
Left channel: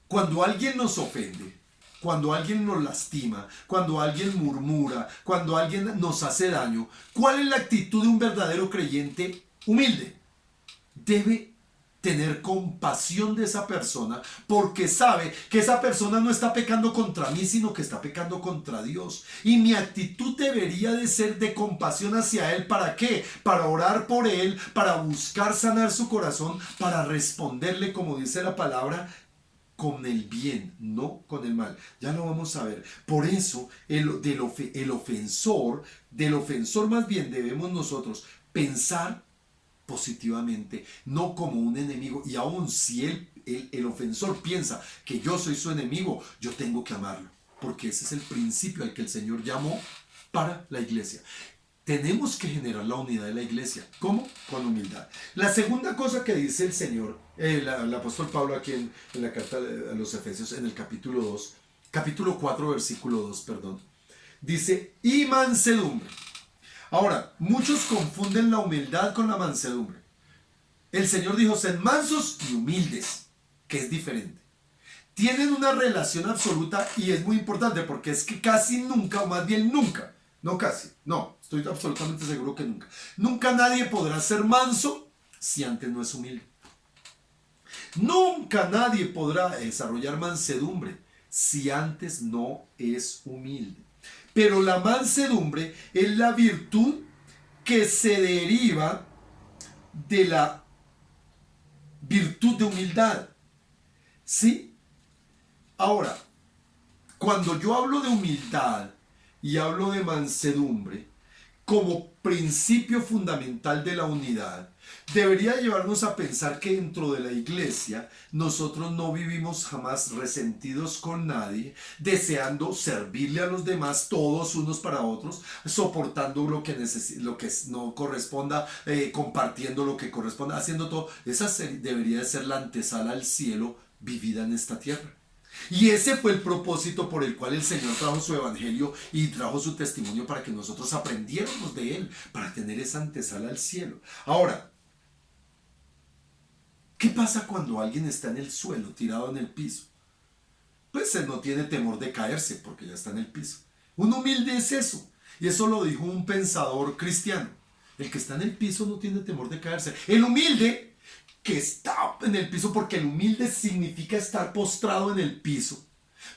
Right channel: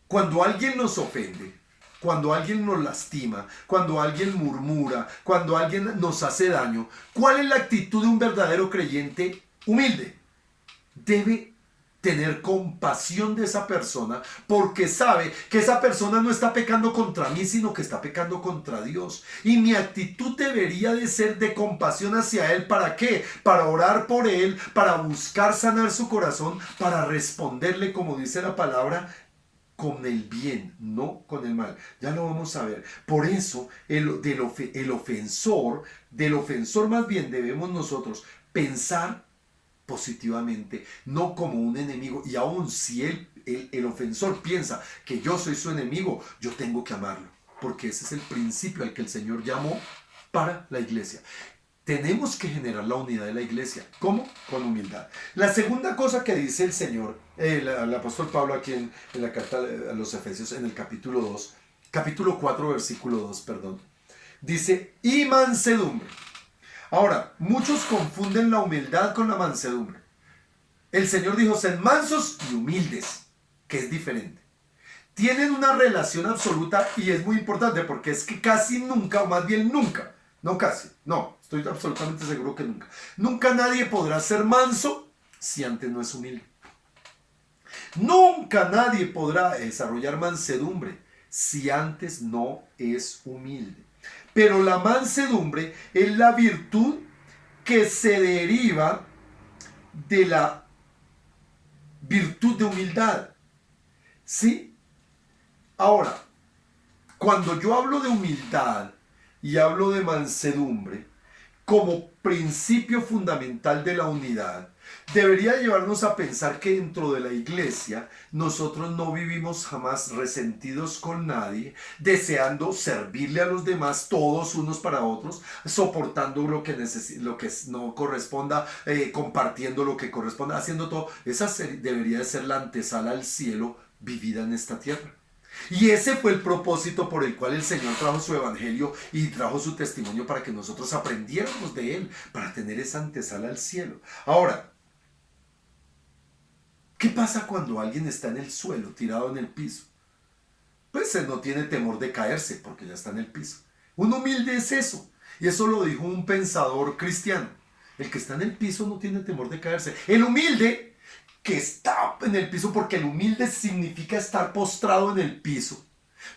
cuando alguien nos ofende, cuando alguien nos lastima, cuando alguien murmura, cuando alguien nos hace daño, ¿cuál es la actitud de un verdadero creyente humilde? Debe tener compasión de esa persona porque sabe que esa persona no está pecando contra mí, sino que está pecando contra Dios. Y mi actitud debería de ser de compasión hacia él. ¿Para qué? Para orar por él, para buscar sanar su corazón, para responderle, como dice la palabra, con el bien, no con el mal. Ya lo vamos a ver. Por eso del ofensor más bien debemos nosotros pensar positivamente, no como un enemigo. Y aun si el ofensor piensa que yo soy su enemigo, yo tengo que amarlo, porque ese es el principio al que el Señor llamó para la iglesia. Tenemos que generar la unidad de la iglesia. ¿Cómo? Con humildad. La segunda cosa que dice el Señor, el apóstol Pablo aquí en la carta a los Efesios, en el capítulo 4, versículo 2, perdón, dice, y mansedumbre. Ahora, muchos confunden la humildad con la mansedumbre. El Señor dijo, sed mansos y humildes, que es diferente. Tienen una relación absoluta y es muy importante porque es que casi nunca, o más bien nunca, no casi, no, estoy absolutamente seguro que nunca. Nunca nadie podrá ser manso si antes no es humilde. Nunca nadie podrá desarrollar mansedumbre si antes no es humilde. Pero la mansedumbre es la virtud que se deriva de la virtud de humildad. ¿Sí? Ahora, cuando yo hablo de humildad y hablo de mansedumbre como principio fundamental de la unidad, debería llevarnos a pensar que dentro de la iglesia nosotros no vivimos jamás resentidos con nadie, deseando servirle a los demás todos unos para otros, soportando lo que no corresponda, compartiendo lo que corresponda, haciendo todo. Esa debería de ser la antesala al cielo vivida en esta tierra. Y ese fue el propósito por el cual el Señor trajo su evangelio y trajo su testimonio, para que nosotros aprendiéramos de él, para tener esa antesala al cielo. Ahora, ¿qué pasa cuando alguien está en el suelo, tirado en el piso? Pues él no tiene temor de caerse porque ya está en el piso. Un humilde es eso. Y eso lo dijo un pensador cristiano. El que está en el piso no tiene temor de caerse. El humilde que está en el piso, porque el humilde significa estar postrado en el piso.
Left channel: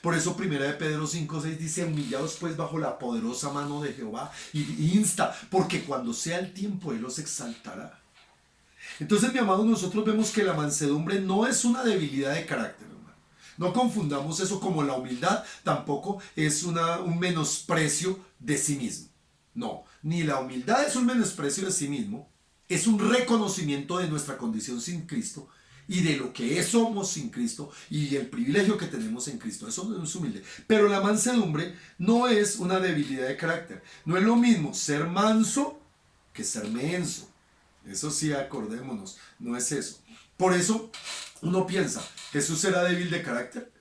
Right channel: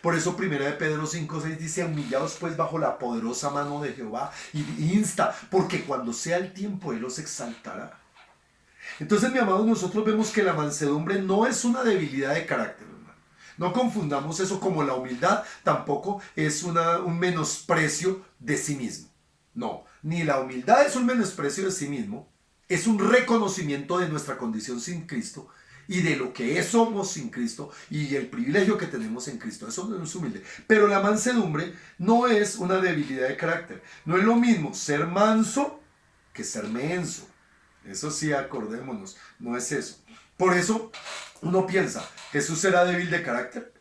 Por eso 1 de Pedro 5:6 dice, humillados pues bajo la poderosa mano de Jehová, y insta, porque cuando sea el tiempo él los exaltará. Entonces, mi amado, nosotros vemos que la mansedumbre no es una debilidad de carácter, hermano. No confundamos eso como la humildad, tampoco es un menosprecio de sí mismo. No, ni la humildad es un menosprecio de sí mismo, es un reconocimiento de nuestra condición sin Cristo y de lo que somos sin Cristo y el privilegio que tenemos en Cristo. Eso no es humilde. Pero la mansedumbre no es una debilidad de carácter. No es lo mismo ser manso que ser menso. Eso sí, acordémonos, no es eso. Por eso uno piensa, ¿Jesús era débil de carácter?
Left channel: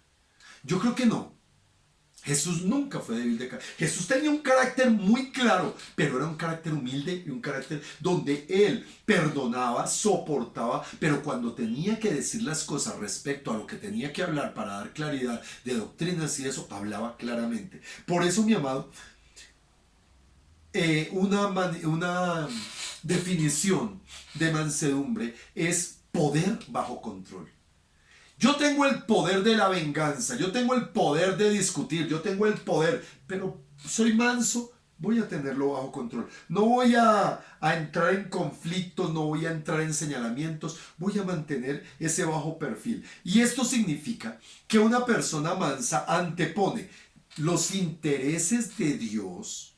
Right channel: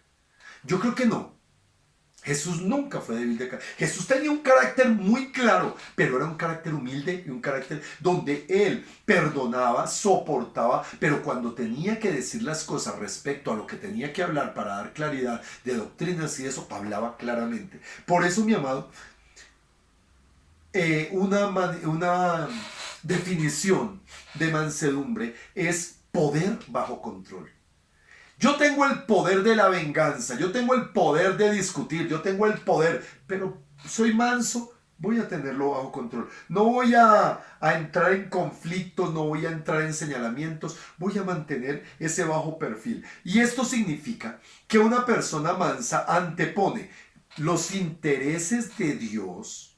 Yo creo que no. Jesús nunca fue débil de carácter. Jesús tenía un carácter muy claro, pero era un carácter humilde y un carácter donde él perdonaba, soportaba, pero cuando tenía que decir las cosas respecto a lo que tenía que hablar para dar claridad de doctrinas y eso, hablaba claramente. Por eso, mi amado, una definición de mansedumbre es poder bajo control. Yo tengo el poder de la venganza, yo tengo el poder de discutir, yo tengo el poder, pero soy manso, voy a tenerlo bajo control. No voy a entrar en conflictos, no voy a entrar en señalamientos, voy a mantener ese bajo perfil. Y esto significa que una persona mansa antepone los intereses de Dios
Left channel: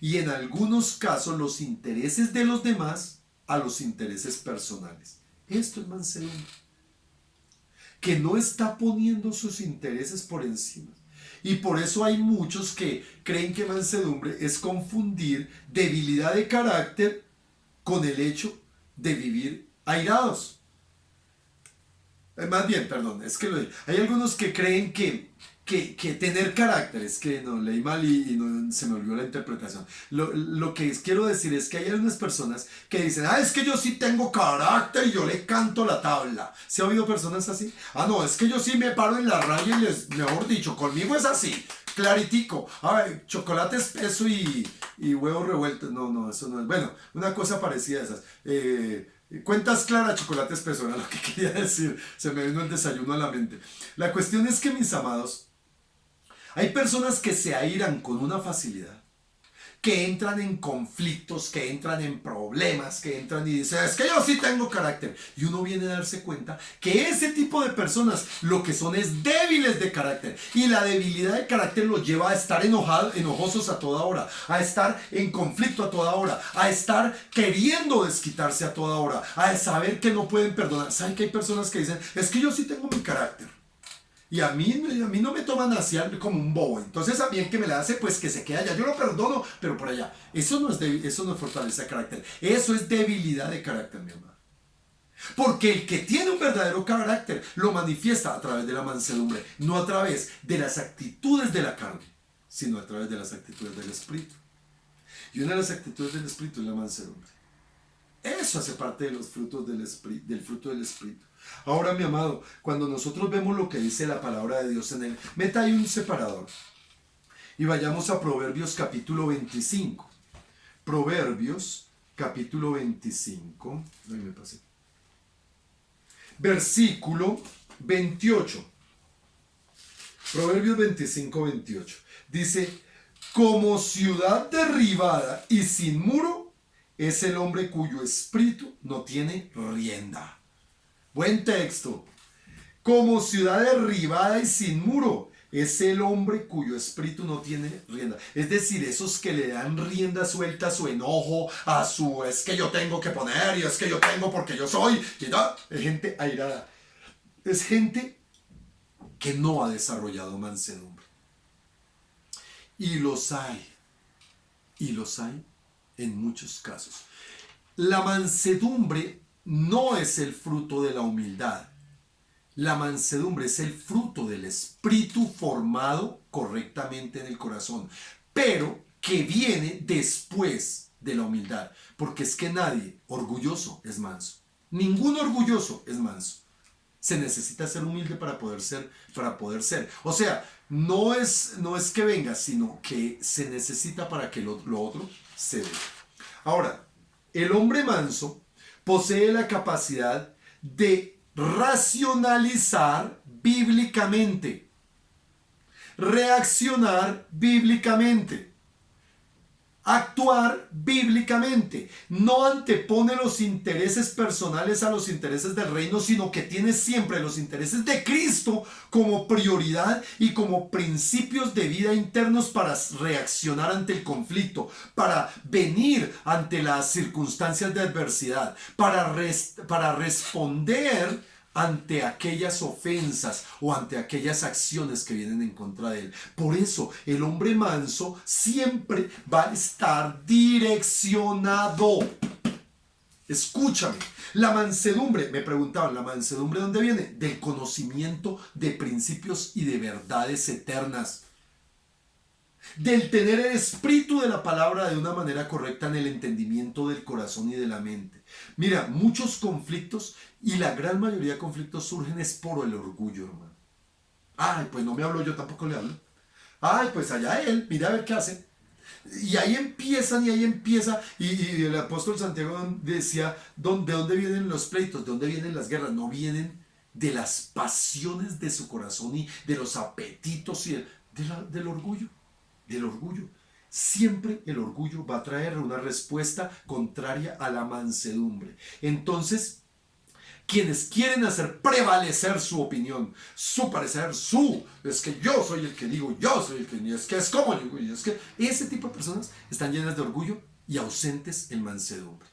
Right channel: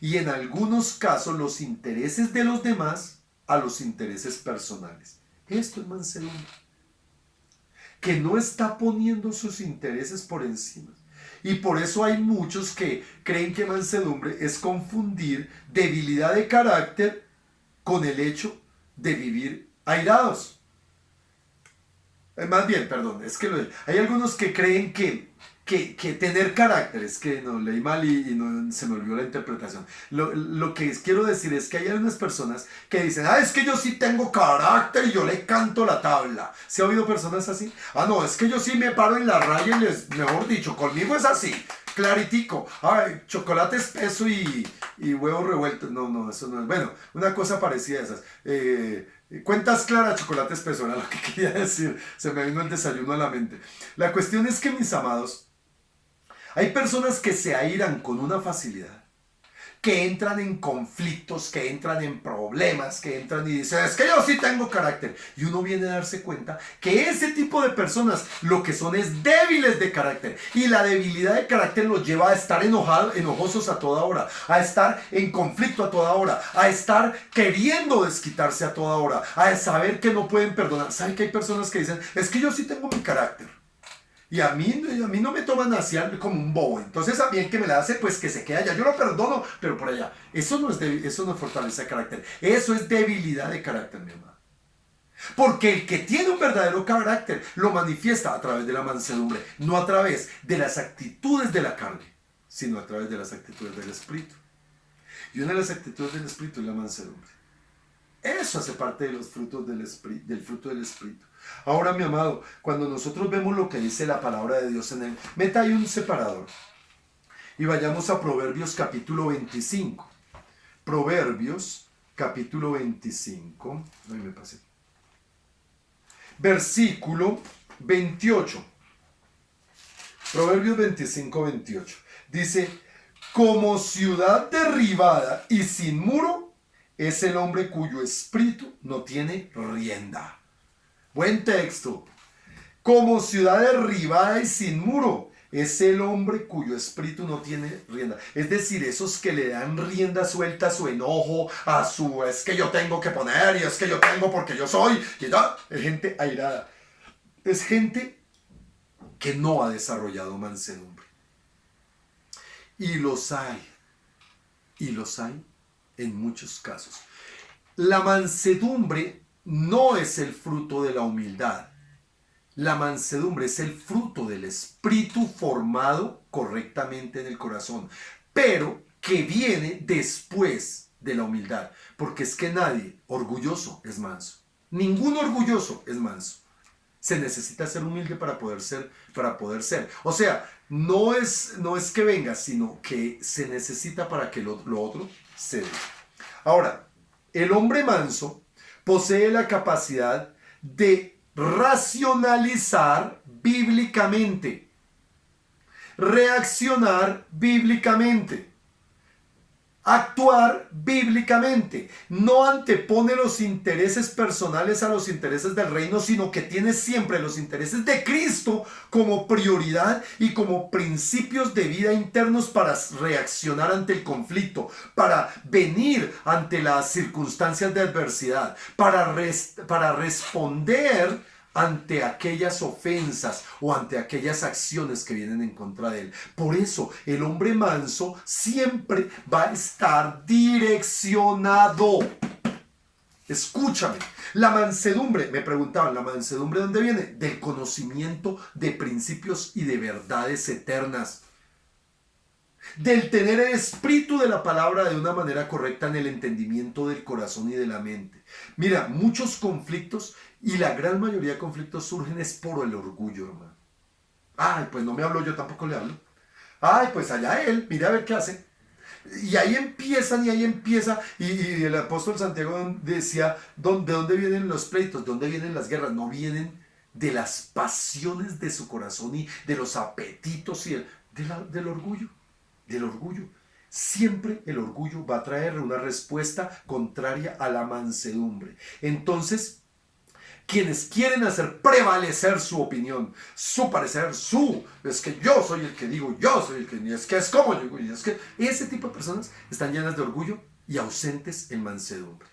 y en algunos casos los intereses de los demás a los intereses personales. Esto es mansedumbre, que no está poniendo sus intereses por encima. Y por eso hay muchos que creen que mansedumbre es confundir debilidad de carácter con el hecho de vivir airados. Más bien, perdón, es que hay algunos que creen que que tener carácter, es que no, leí mal y no, se me olvidó la interpretación. Lo que quiero decir es que hay algunas personas que dicen, es que yo sí tengo carácter y yo le canto la tabla. ¿Se ha oído personas así? No, es que yo sí me paro en la raya y mejor dicho, conmigo es así, claritico. Chocolate espeso y huevos revueltos. No, eso no es. Bueno, una cosa parecida a esas. Cuentas claras, chocolate espeso, era lo que quería decir. Se me vino el desayuno a la mente. La cuestión es que, mis amados, hay personas que se airan con una facilidad, que entran en conflictos, que entran en problemas, que entran y dicen, es que yo sí tengo carácter. Y uno viene a darse cuenta que ese tipo de personas lo que son es débiles de carácter. Y la debilidad de carácter los lleva a estar enojosos a toda hora, a estar en conflicto a toda hora, a estar queriendo desquitarse a toda hora, a saber que no pueden perdonar. ¿Saben que hay personas que dicen, es que yo sí tengo mi carácter? Y a mí no me toman así como un bobo. Entonces a mí el que me la hace, pues que se quede allá. Yo lo perdono, pero por allá. Eso no es fortaleza de carácter. Eso es debilidad de carácter, mi hermano. Porque el que tiene un verdadero carácter lo manifiesta a través de la mansedumbre. No a través de las actitudes de la carne, sino a través de las actitudes del Espíritu. Y una de las actitudes del Espíritu es la mansedumbre. Eso hace parte de los frutos del fruto del Espíritu. Ahora, mi amado, cuando nosotros vemos lo que dice la palabra de Dios en él, meta ahí un separador y vayamos a Proverbios capítulo 25. Proverbios capítulo 25. Ahí me pasé. Versículo 28. Proverbios 25, 28. Dice, como ciudad derribada y sin muro es el hombre cuyo espíritu no tiene rienda. Buen texto. Como ciudad derribada y sin muro es el hombre cuyo espíritu no tiene rienda. Es decir, esos que le dan rienda suelta a su enojo, a su es que yo tengo que poner y es que yo tengo porque yo soy. Es gente airada. Es gente que no ha desarrollado mansedumbre. Y los hay. Y los hay en muchos casos. La mansedumbre no es el fruto de la humildad. La mansedumbre es el fruto del espíritu formado correctamente en el corazón, pero que viene después de la humildad, porque es que nadie orgulloso es manso. Ningún orgulloso es manso. Se necesita ser humilde para poder ser. O sea, no es que venga, sino que se necesita para que lo otro se dé. Ahora, el hombre manso posee la capacidad de racionalizar bíblicamente, reaccionar bíblicamente, actuar bíblicamente. No antepone los intereses personales a los intereses del reino, sino que tiene siempre los intereses de Cristo como prioridad y como principios de vida internos para reaccionar ante el conflicto, para venir ante las circunstancias de adversidad, para responder ante aquellas ofensas o ante aquellas acciones que vienen en contra de él. Por eso el hombre manso siempre va a estar direccionado. Escúchame, la mansedumbre, me preguntaban, ¿la mansedumbre de dónde viene? Del conocimiento de principios y de verdades eternas. Del tener el espíritu de la palabra de una manera correcta en el entendimiento del corazón y de la mente. Mira, muchos conflictos y la gran mayoría de conflictos surgen es por el orgullo, hermano. Pues no me hablo, yo tampoco le hablo. Pues allá él, mira a ver qué hace. Y ahí empieza, y el apóstol Santiago decía, ¿de dónde vienen los pleitos? ¿De dónde vienen las guerras? No vienen de las pasiones de su corazón y de los apetitos y del orgullo. Del orgullo. Siempre el orgullo va a traer una respuesta contraria a la mansedumbre. Entonces, quienes quieren hacer prevalecer su opinión, su parecer, es que yo soy el que digo, yo soy el que, es que es como yo, es que ese tipo de personas están llenas de orgullo y ausentes en mansedumbre.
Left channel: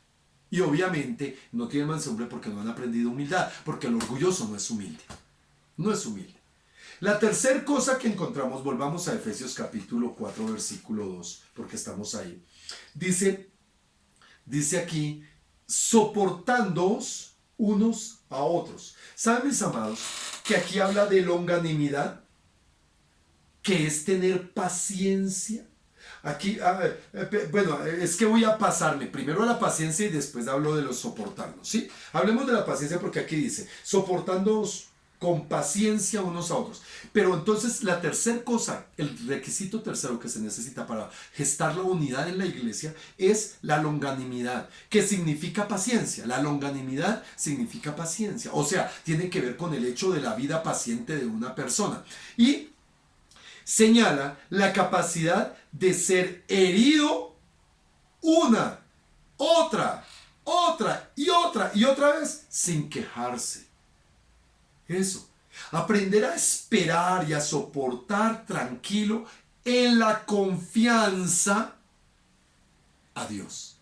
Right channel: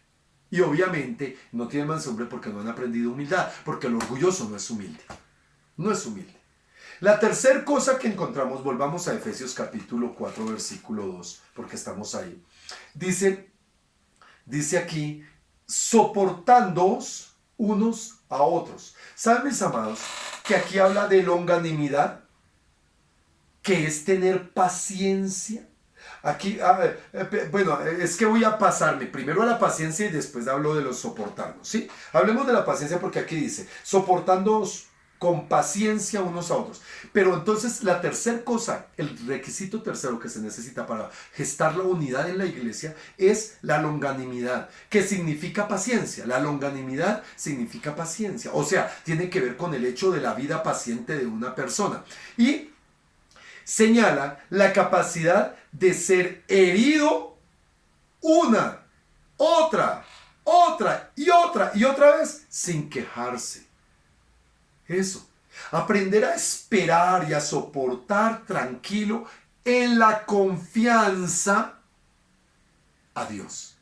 Y obviamente no tienen mansedumbre porque no han aprendido humildad, porque el orgulloso no es humilde. No es humilde. La tercera cosa que encontramos, volvamos a Efesios capítulo 4, versículo 2, porque estamos ahí. Dice aquí, soportándoos unos a otros. ¿Saben, mis amados, que aquí habla de longanimidad? que es tener paciencia. Aquí, bueno, es que voy a pasarme primero a la paciencia y después hablo de los soportarnos, ¿sí? Hablemos de la paciencia porque aquí dice, soportándonos con paciencia unos a otros. Pero entonces la tercera cosa, el requisito tercero que se necesita para gestar la unidad en la iglesia es la longanimidad, que significa paciencia. La longanimidad significa paciencia, o sea, tiene que ver con el hecho de la vida paciente de una persona. Y señala la capacidad de ser herido una, otra y otra vez sin quejarse. Eso. Aprender a esperar y a soportar tranquilo en la confianza a Dios.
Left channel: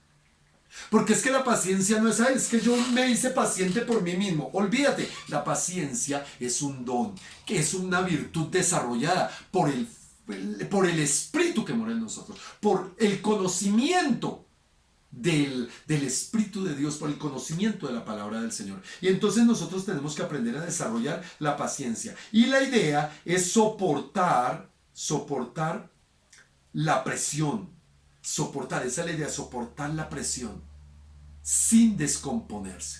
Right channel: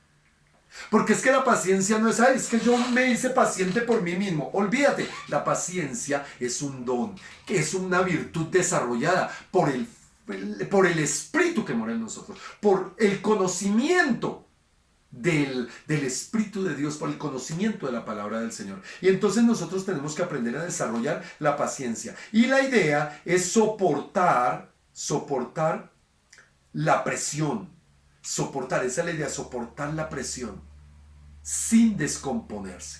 Porque es que la paciencia no es, ay, es que yo me hice paciente por mí mismo. Olvídate, la paciencia es un don, que es una virtud desarrollada por el Espíritu que mora en nosotros, por el conocimiento del Espíritu de Dios, por el conocimiento de la palabra del Señor. Y entonces nosotros tenemos que aprender a desarrollar la paciencia. Y la idea es soportar la presión. Soportar, esa es la idea, soportar la presión sin descomponerse.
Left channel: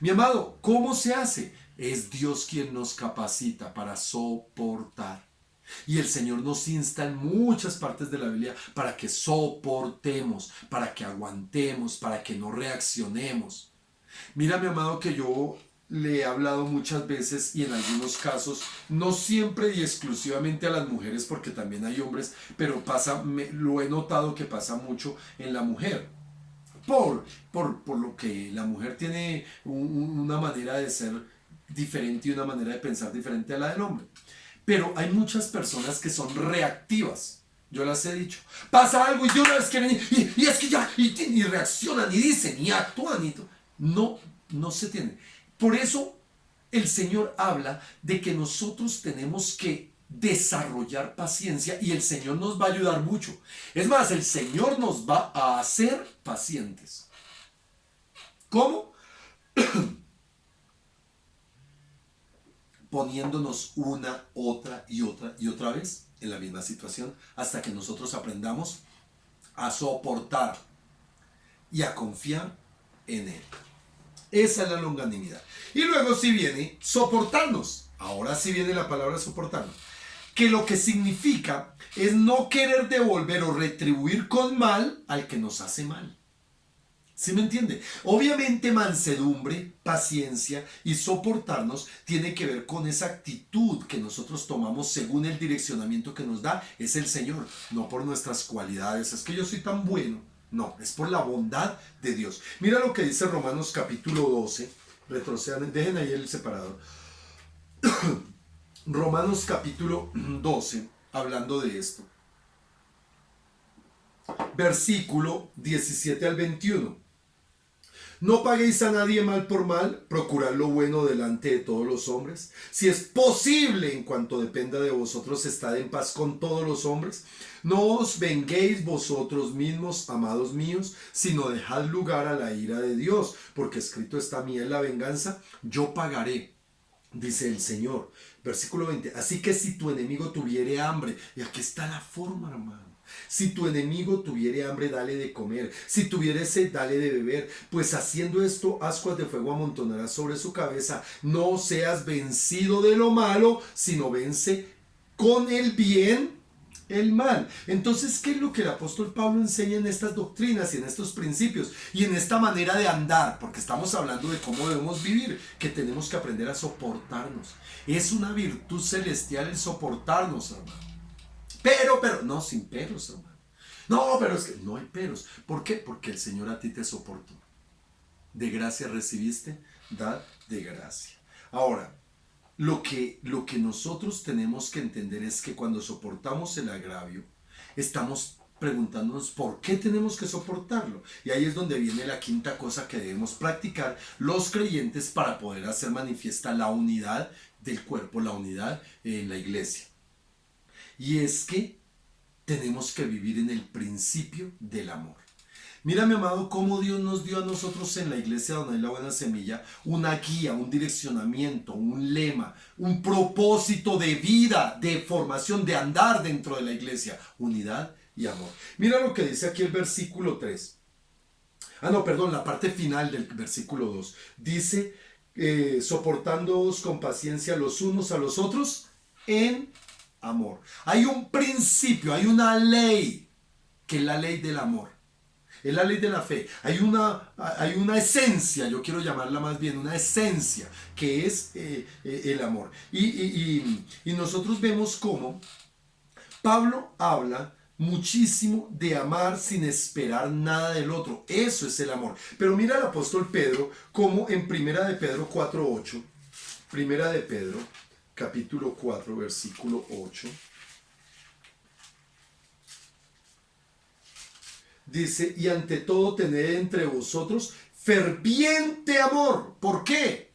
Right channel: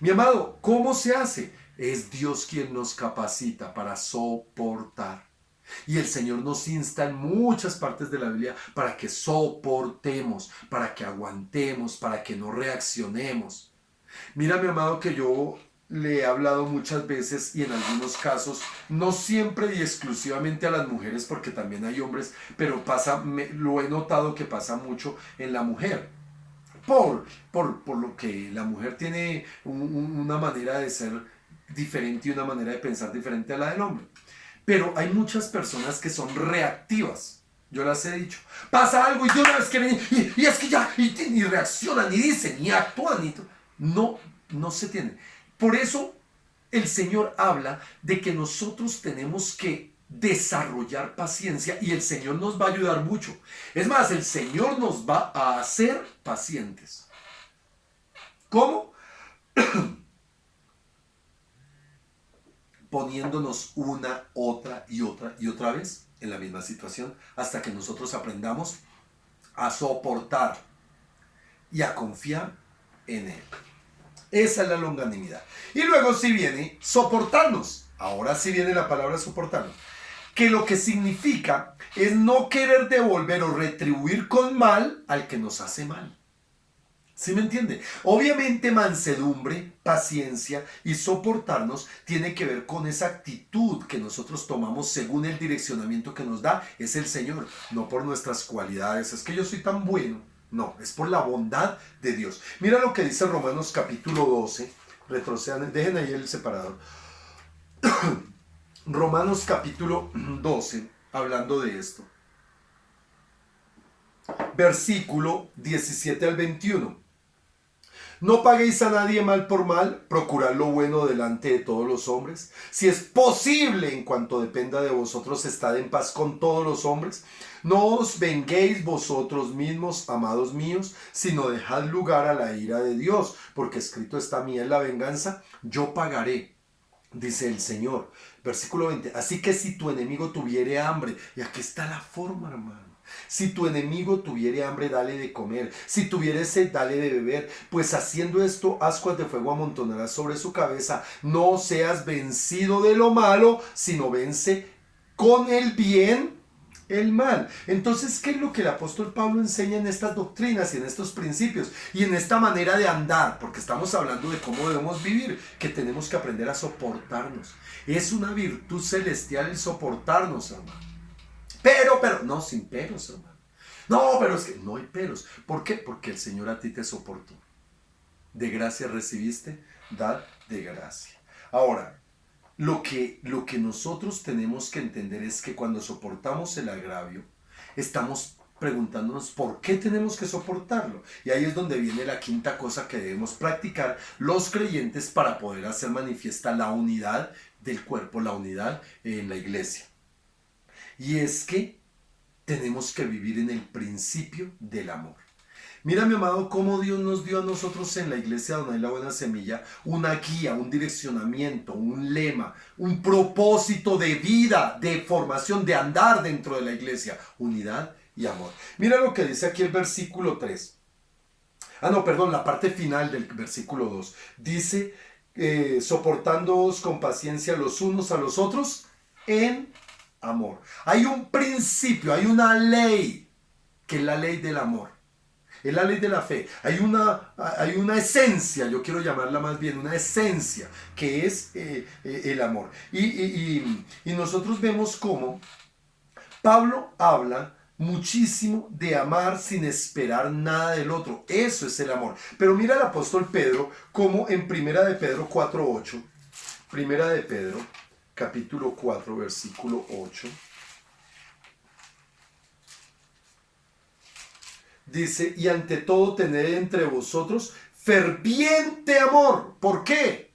Mi amado, ¿cómo se hace? Es Dios quien nos capacita para soportar. Y el Señor nos insta en muchas partes de la Biblia para que soportemos, para que aguantemos, para que no reaccionemos. Mira, mi amado, que yo le he hablado muchas veces y en algunos casos, no siempre y exclusivamente a las mujeres, porque también hay hombres, pero lo he notado que pasa mucho en la mujer. Por lo que la mujer tiene una manera de ser diferente y una manera de pensar diferente a la del hombre. Pero hay muchas personas que son reactivas. Yo las he dicho. Pasa algo y de una vez quieren y es que ya, y reaccionan y dicen y actúan. No se tiene. Por eso el Señor habla de que nosotros tenemos que desarrollar paciencia y el Señor nos va a ayudar mucho. Es más, el Señor nos va a hacer pacientes. ¿Cómo? Poniéndonos una, otra y otra vez en la misma situación hasta que nosotros aprendamos a soportar y a confiar en Él. Esa es la longanimidad. Y luego sí viene soportarnos. Ahora sí viene la palabra soportarnos. Que lo que significa es no querer devolver o retribuir con mal al que nos hace mal. ¿Sí me entiende? Obviamente mansedumbre, paciencia y soportarnos tiene que ver con esa actitud que nosotros tomamos según el direccionamiento que nos da. Es el Señor, no por nuestras cualidades. Es que yo soy tan bueno. No, es por la bondad de Dios. Mira lo que dice Romanos capítulo 12. Retrocedan, dejen ahí el separador. Romanos capítulo 12, hablando de esto. Versículo 17 al 21. No paguéis a nadie mal por mal, procurad lo bueno delante de todos los hombres. Si es posible, en cuanto dependa de vosotros, estad en paz con todos los hombres. No os venguéis vosotros mismos, amados míos, sino dejad lugar a la ira de Dios, porque escrito está: mía es la venganza, yo pagaré, dice el Señor. Versículo 20. Así que si tu enemigo tuviere hambre, y aquí está la forma, hermano. Si tu enemigo tuviere hambre, dale de comer. Si tuviere sed, dale de beber. Pues haciendo esto, ascuas de fuego amontonarás sobre su cabeza. No seas vencido de lo malo, sino vence con el bien el mal. Entonces, ¿qué es lo que el apóstol Pablo enseña en estas doctrinas y en estos principios y en esta manera de andar? Porque estamos hablando de cómo debemos vivir, que tenemos que aprender a soportarnos. Es una virtud celestial el soportarnos, hermano. Pero, no, sin peros, hermano. No, pero es que no hay peros. ¿Por qué? Porque el Señor a ti te soportó. De gracia recibiste, dad de gracia. Ahora, lo que nosotros tenemos que entender es que cuando soportamos el agravio, estamos preguntándonos por qué tenemos que soportarlo. Y ahí es donde viene la quinta cosa que debemos practicar los creyentes para poder hacer manifiesta la unidad del cuerpo, la unidad en la iglesia. Y es que tenemos que vivir en el principio del amor. Mira, mi amado, cómo Dios nos dio a nosotros en la iglesia donde hay la buena semilla una guía, un direccionamiento, un lema, un propósito de vida, de formación, de andar dentro de la iglesia. Unidad y amor. Mira lo que dice aquí el versículo 3. Ah, no, perdón, la parte final del versículo 2. Dice, soportándoos con paciencia los unos a los otros en amor. Hay un principio, hay una ley, que es la ley del amor. Es la ley de la fe. Hay una esencia, yo quiero llamarla más bien una esencia, que es el amor. Y nosotros vemos cómo Pablo habla muchísimo de amar sin esperar nada del otro. Eso es el amor. Pero mira el apóstol Pedro como en Primera de Pedro 4:8. Primera de Pedro, capítulo 4, versículo 8. Dice, y ante todo tened entre vosotros ferviente amor. ¿Por qué?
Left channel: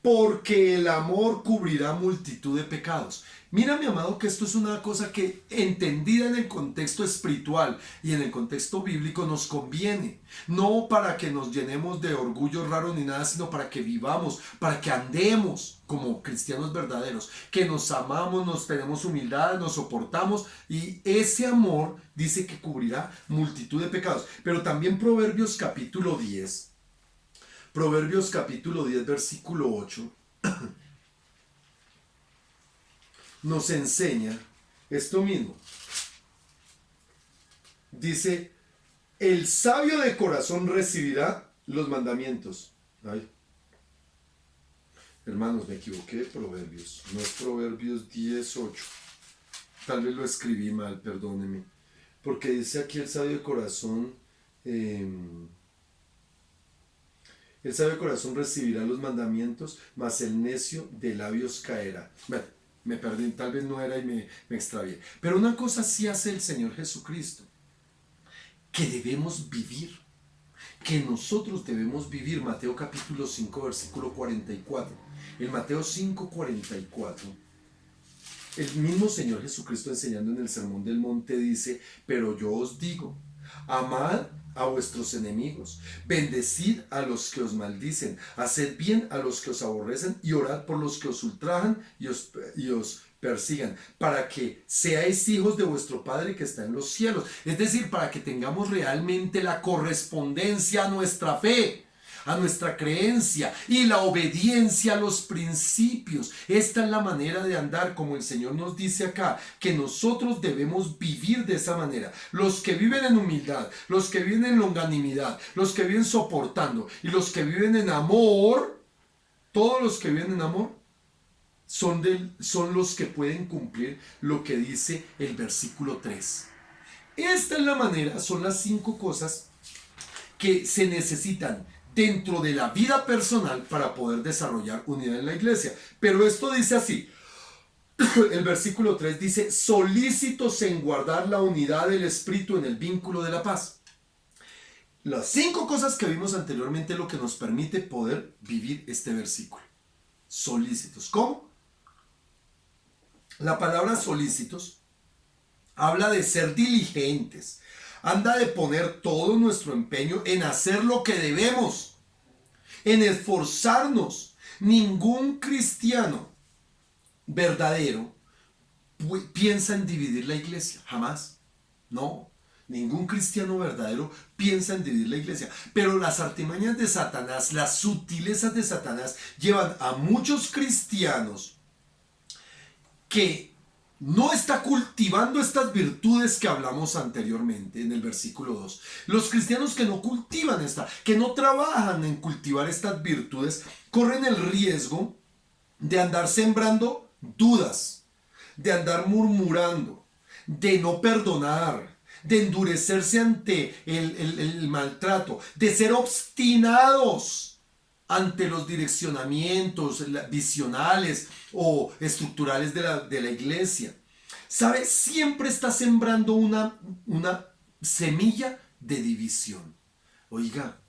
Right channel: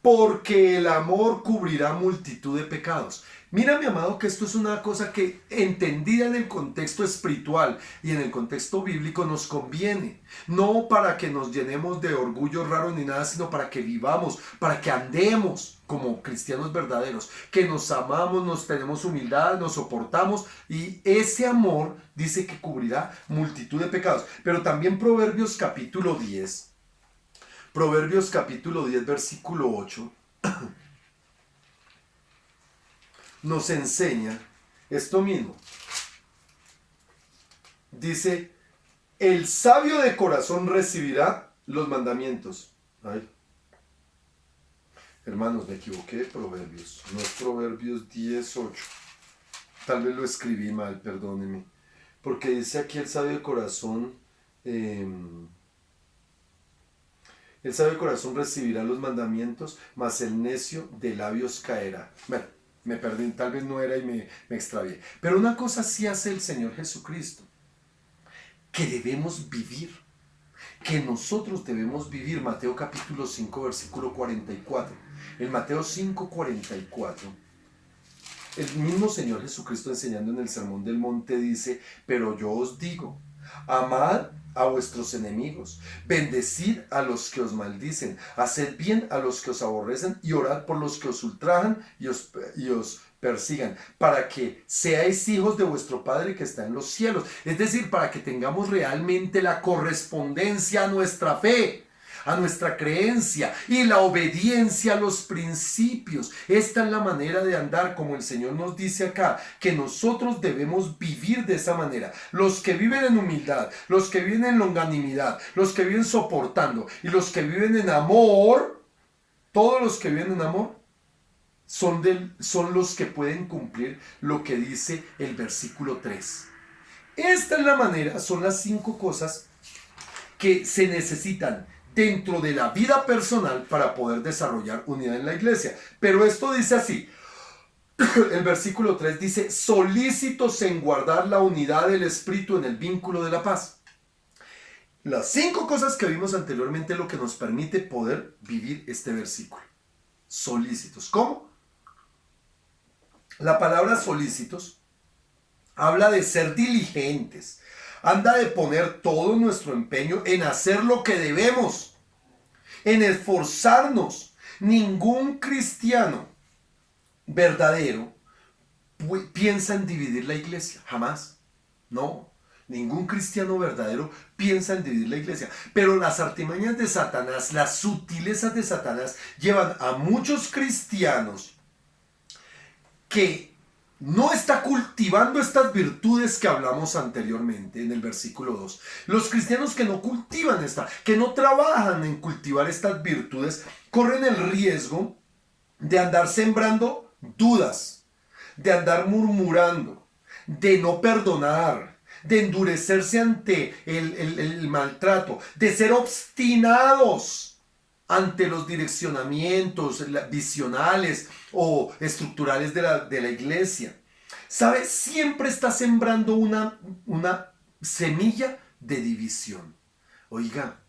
Porque el amor cubrirá multitud de pecados. Mira, mi amado, que esto es una cosa que, entendida en el contexto espiritual y en el contexto bíblico, nos conviene. No para que nos llenemos de orgullo raro ni nada, sino para que vivamos, para que andemos como cristianos verdaderos, que nos amamos, nos tenemos humildad, nos soportamos, y ese amor dice que cubrirá multitud de pecados. Pero también Proverbios capítulo 10, versículo 8, nos enseña esto mismo. Dice, el sabio de corazón recibirá los mandamientos. Ay, hermanos, me equivoqué, Proverbios. No es Proverbios 10:8. Tal vez lo escribí mal, perdónenme. Porque dice aquí el sabio de corazón... el sabio de corazón recibirá los mandamientos, mas el necio de labios caerá. Bueno, me perdí, tal vez no era y me extravié. Pero una cosa sí hace el Señor Jesucristo, que debemos vivir, que nosotros debemos vivir. Mateo capítulo 5, versículo 44. En Mateo 5:44, el mismo Señor Jesucristo, enseñando en el Sermón del Monte, dice, pero yo os digo, amad a vuestros enemigos, bendecid a los que os maldicen, haced bien a los que os aborrecen y orad por los que os ultrajan y os persigan, para que seáis hijos de vuestro Padre que está en los cielos. Es decir, para que tengamos realmente la correspondencia a nuestra fe, a nuestra creencia y la obediencia a los principios. Esta es la manera de andar, como el Señor nos dice acá, que nosotros debemos vivir de esa manera. Los que viven en humildad, los que viven en longanimidad, los que viven soportando y los que viven en amor, todos los que viven en amor son los que pueden cumplir lo que dice el versículo 3. Esta es la manera, son las 5 cosas que se necesitan dentro de la vida personal para poder desarrollar unidad en la iglesia. Pero esto dice así, el versículo 3 dice, solícitos en guardar la unidad del espíritu en el vínculo de la paz. Las 5 cosas que vimos anteriormente es lo que nos permite poder vivir este versículo. Solícitos. ¿Cómo? La palabra solícitos habla de ser diligentes, anda de poner todo nuestro empeño en hacer lo que debemos, en esforzarnos. Ningún cristiano verdadero piensa en dividir la iglesia, jamás. No, ningún cristiano verdadero piensa en dividir la iglesia. Pero las artimañas de Satanás, las sutilezas de Satanás, llevan a muchos cristianos que no está cultivando estas virtudes que hablamos anteriormente en el versículo 2. Los cristianos que no cultivan que no trabajan en cultivar estas virtudes, corren el riesgo de andar sembrando dudas, de andar murmurando, de no perdonar, de endurecerse ante el maltrato, de ser obstinados ante los direccionamientos visionales o estructurales de la iglesia. ¿Sabe? Siempre está sembrando una semilla de división. Oiga,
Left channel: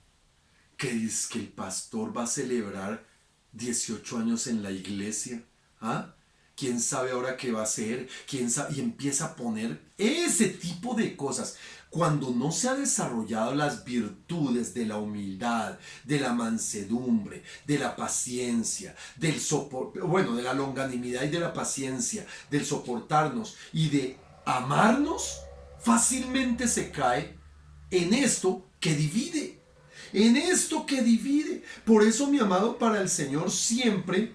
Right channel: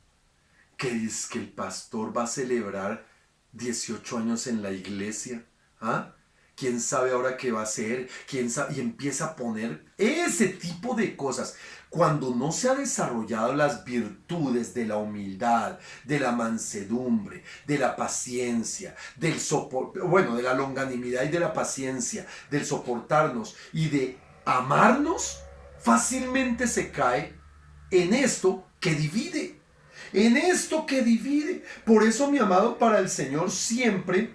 que es que el pastor va a celebrar 18 años en la iglesia, ¿ah? ¿Quién sabe ahora qué va a hacer? ¿Quién sabe? Y empieza a poner ese tipo de cosas. Cuando no se ha desarrollado las virtudes de la humildad, de la mansedumbre, de la paciencia, del de la longanimidad y de la paciencia, del soportarnos y de amarnos, fácilmente se cae en esto que divide. En esto que divide. Por eso, mi amado, para el Señor siempre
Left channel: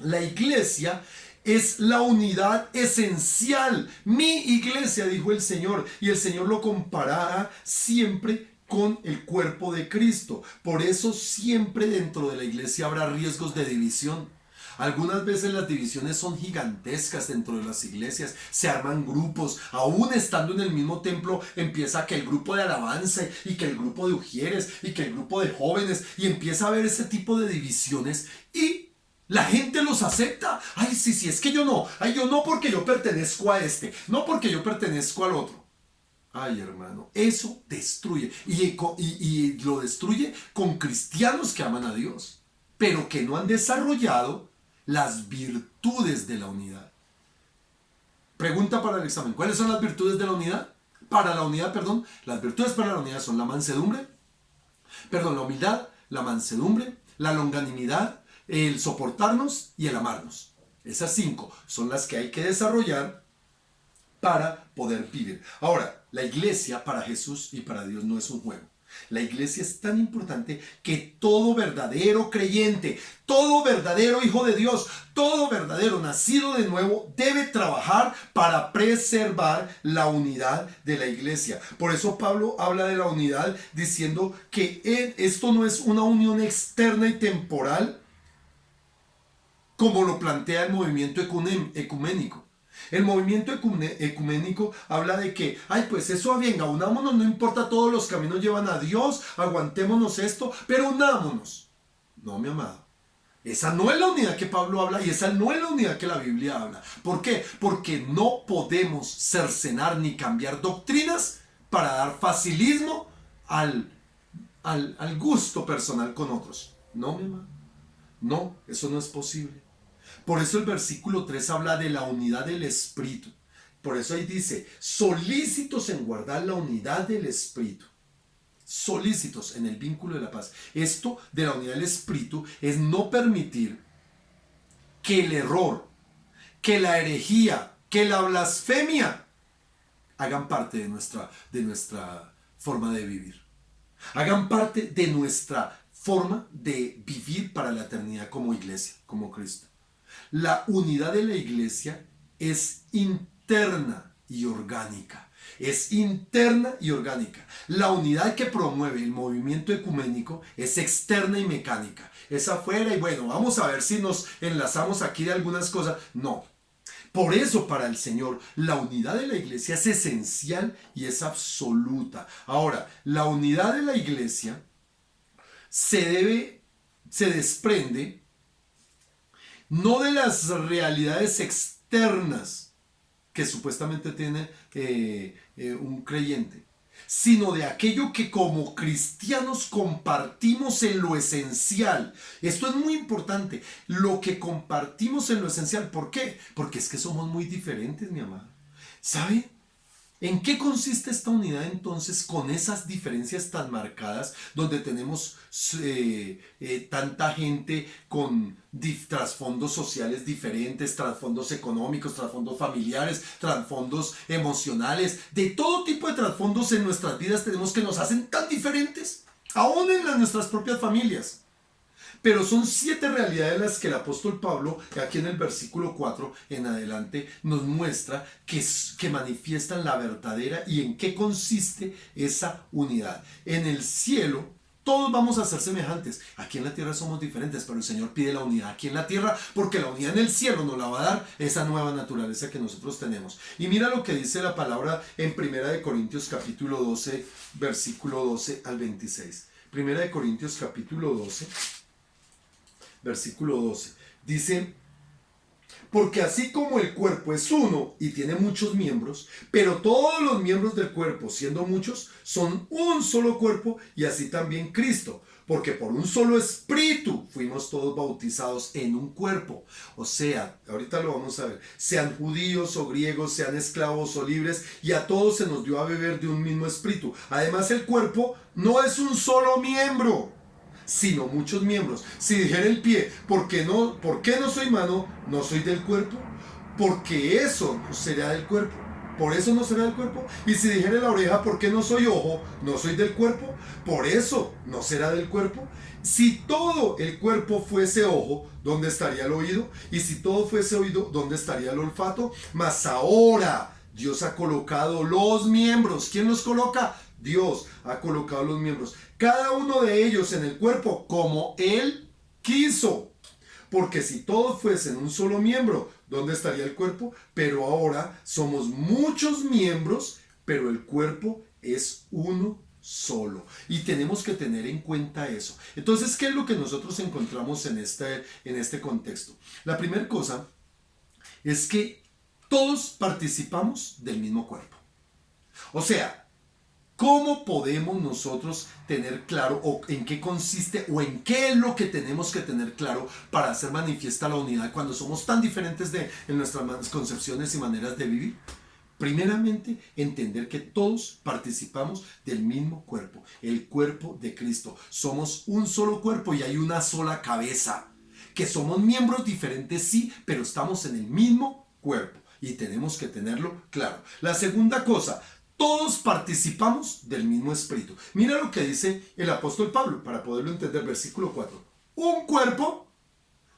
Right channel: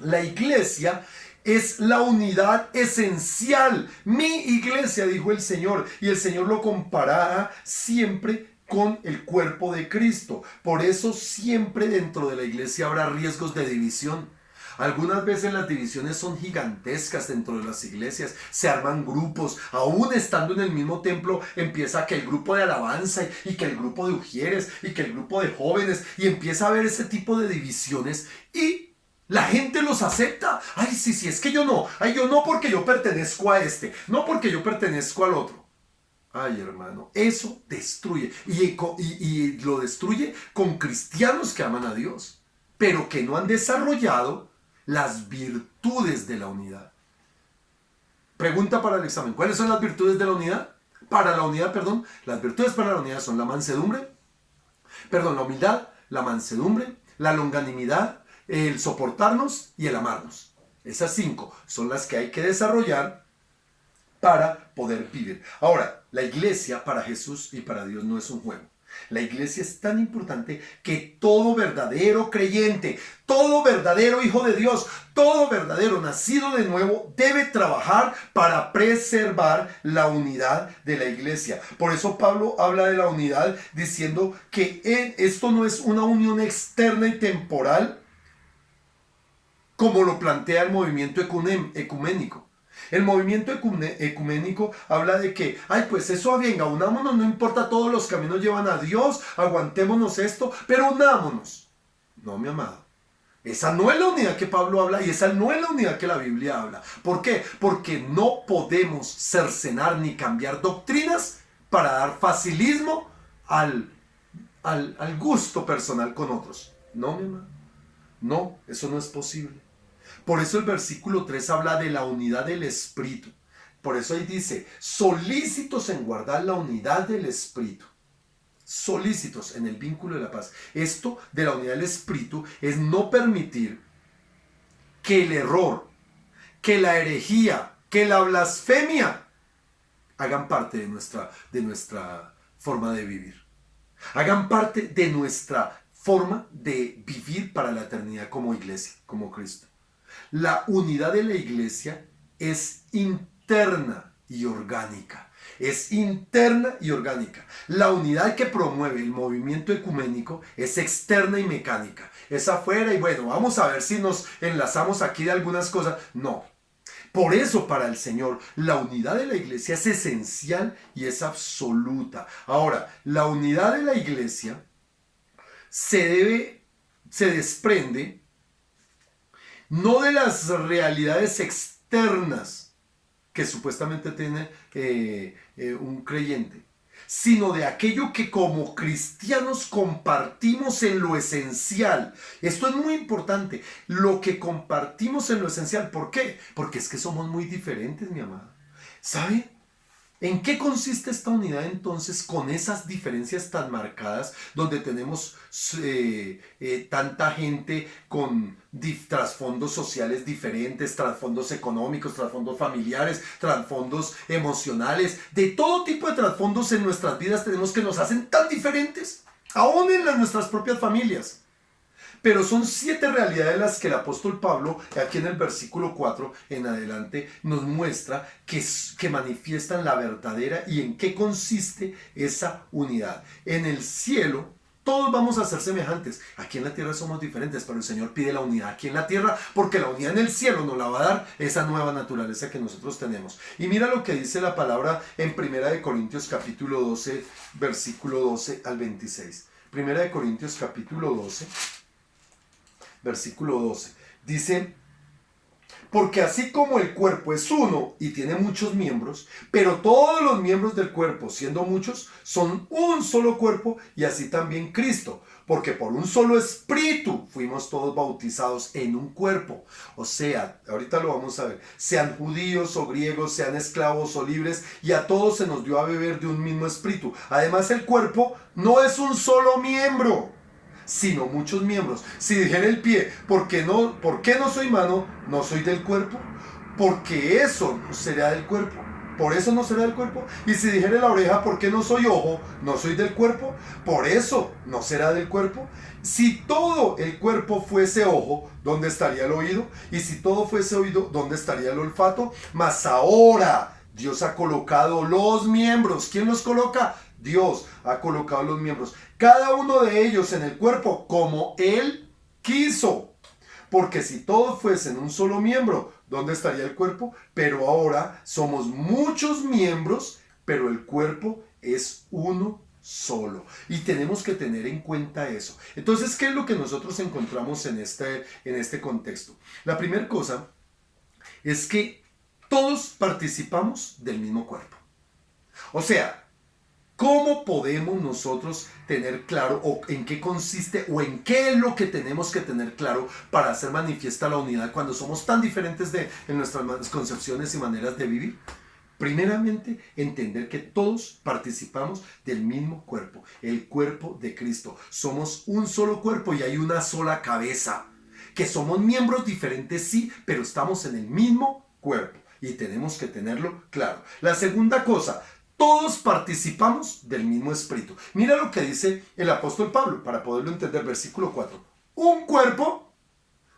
la iglesia es la unidad esencial. Mi iglesia, dijo el Señor, y el Señor lo comparará siempre con el cuerpo de Cristo. Por eso siempre dentro de la iglesia habrá riesgos de división. Algunas veces las divisiones son gigantescas dentro de las iglesias, se arman grupos, aún estando en el mismo templo empieza que el grupo de alabanza y que el grupo de ujieres y que el grupo de jóvenes, y empieza a haber ese tipo de divisiones y la gente los acepta. Ay, sí, es que yo no. Ay, yo no porque yo pertenezco a este. No porque yo pertenezco al otro. Ay, hermano, eso destruye. Y lo destruye con cristianos que aman a Dios, pero que no han desarrollado las virtudes de la unidad. Pregunta para el examen. ¿Cuáles son las virtudes de la unidad? Para la unidad, perdón. Las virtudes para la unidad son la mansedumbre. Perdón, la humildad, la mansedumbre, la longanimidad, el soportarnos y el amarnos. Esas 5 son las que hay que desarrollar para poder vivir. Ahora, la iglesia para Jesús y para Dios no es un juego. La iglesia es tan importante que todo verdadero creyente, todo verdadero hijo de Dios, todo verdadero nacido de nuevo debe trabajar para preservar la unidad de la iglesia. Por eso Pablo habla de la unidad diciendo que esto no es una unión externa y temporal, como lo plantea el movimiento ecuménico. El movimiento ecuménico habla de que, ay, pues eso, venga, unámonos, no importa, todos los caminos llevan a Dios, aguantémonos esto, pero unámonos. No, mi amado. Esa no es la unidad que Pablo habla y esa no es la unidad que la Biblia habla. ¿Por qué? Porque no podemos cercenar ni cambiar doctrinas para dar facilismo al gusto personal con otros. No, mi amado. No, eso no es posible. Por eso el versículo 3 habla de la unidad del Espíritu. Por eso ahí dice, solícitos en guardar la unidad del Espíritu. Solícitos en el vínculo de la paz. Esto de la unidad del Espíritu es no permitir que el error, que la herejía, que la blasfemia hagan parte de nuestra forma de vivir. Hagan parte de nuestra forma de vivir para la eternidad como iglesia, como Cristo. La unidad de la iglesia es interna y orgánica. Es interna y orgánica. La unidad que promueve el movimiento ecuménico es externa y mecánica. Es afuera y bueno, vamos a ver si nos enlazamos aquí de algunas cosas. No. Por eso para el Señor la unidad de la iglesia es esencial y es absoluta. Ahora, la unidad de la iglesia se desprende no de las realidades externas que supuestamente tiene un creyente, sino de aquello que como cristianos compartimos en lo esencial. Esto es muy importante, lo que compartimos en lo esencial. ¿Por qué? Porque es que somos muy diferentes, mi amado. ¿Sabe? ¿En qué consiste esta unidad entonces con esas diferencias tan marcadas donde tenemos tanta gente con trasfondos sociales diferentes, trasfondos económicos, trasfondos familiares, trasfondos emocionales, de todo tipo de trasfondos en nuestras vidas tenemos que nos hacen tan diferentes, aún en nuestras propias familias? Pero son 7 realidades las que el apóstol Pablo, aquí en el versículo 4 en adelante, nos muestra que manifiestan la verdadera y en qué consiste esa unidad. En el cielo todos vamos a ser semejantes. Aquí en la tierra somos diferentes, pero el Señor pide la unidad aquí en la tierra porque la unidad en el cielo nos la va a dar esa nueva naturaleza que nosotros tenemos. Y mira lo que dice la palabra en 1 Corintios capítulo 12, versículo 12 al 26. 1 Corintios capítulo 12. Versículo 12, dice, porque así como el cuerpo es uno y tiene muchos miembros, pero todos los miembros del cuerpo, siendo muchos, son un solo cuerpo, y así también Cristo. porque por un solo espíritu fuimos todos bautizados en un cuerpo. O sea, ahorita lo vamos a ver, sean judíos o griegos, sean esclavos o libres, y a todos se nos dio a beber de un mismo espíritu. Además, el cuerpo no es un solo miembro, sino muchos miembros. Si dijera el pie, ¿por qué no soy mano? No soy del cuerpo, porque eso no será del cuerpo. Por eso no será del cuerpo. Y si dijera la oreja, ¿por qué no soy ojo? No soy del cuerpo. Por eso no será del cuerpo. Si todo el cuerpo fuese ojo, ¿dónde estaría el oído? Y si todo fuese oído, ¿dónde estaría el olfato? Mas ahora Dios ha colocado los miembros. ¿Quién los coloca? Dios ha colocado los miembros. Cada uno de ellos en el cuerpo como Él quiso. Porque si todos fuesen un solo miembro, ¿dónde estaría el cuerpo? Pero ahora somos muchos miembros, pero el cuerpo es uno solo. Y tenemos que tener en cuenta eso. Entonces, ¿qué es lo que nosotros encontramos en este contexto? La primera cosa es que todos participamos del mismo cuerpo. O sea, ¿cómo podemos nosotros tener claro o en qué consiste o en qué es lo que tenemos que tener claro para hacer manifiesta la unidad cuando somos tan diferentes en nuestras concepciones y maneras de vivir? Primeramente, entender que todos participamos del mismo cuerpo, el cuerpo de Cristo. Somos un solo cuerpo y hay una sola cabeza. Que somos miembros diferentes, sí, pero estamos en el mismo cuerpo y tenemos que tenerlo claro. La segunda cosa, todos participamos del mismo espíritu. Mira lo que dice el apóstol Pablo para poderlo entender, versículo 4. Un cuerpo,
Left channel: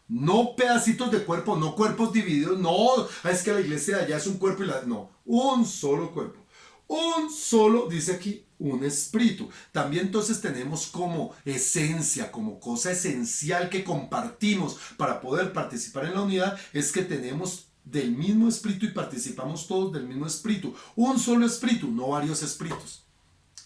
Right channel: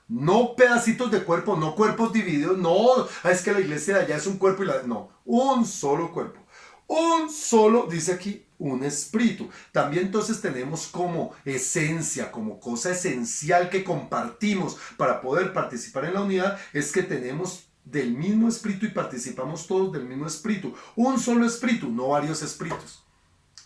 no pedacitos de cuerpo, no cuerpos divididos, no, es que la iglesia de allá es un cuerpo no, un solo cuerpo. Un solo, dice aquí, un espíritu. También entonces tenemos como esencia, como cosa esencial que compartimos para poder participar en la unidad, es que tenemos del mismo espíritu y participamos todos del mismo espíritu. Un solo espíritu, no varios espíritus.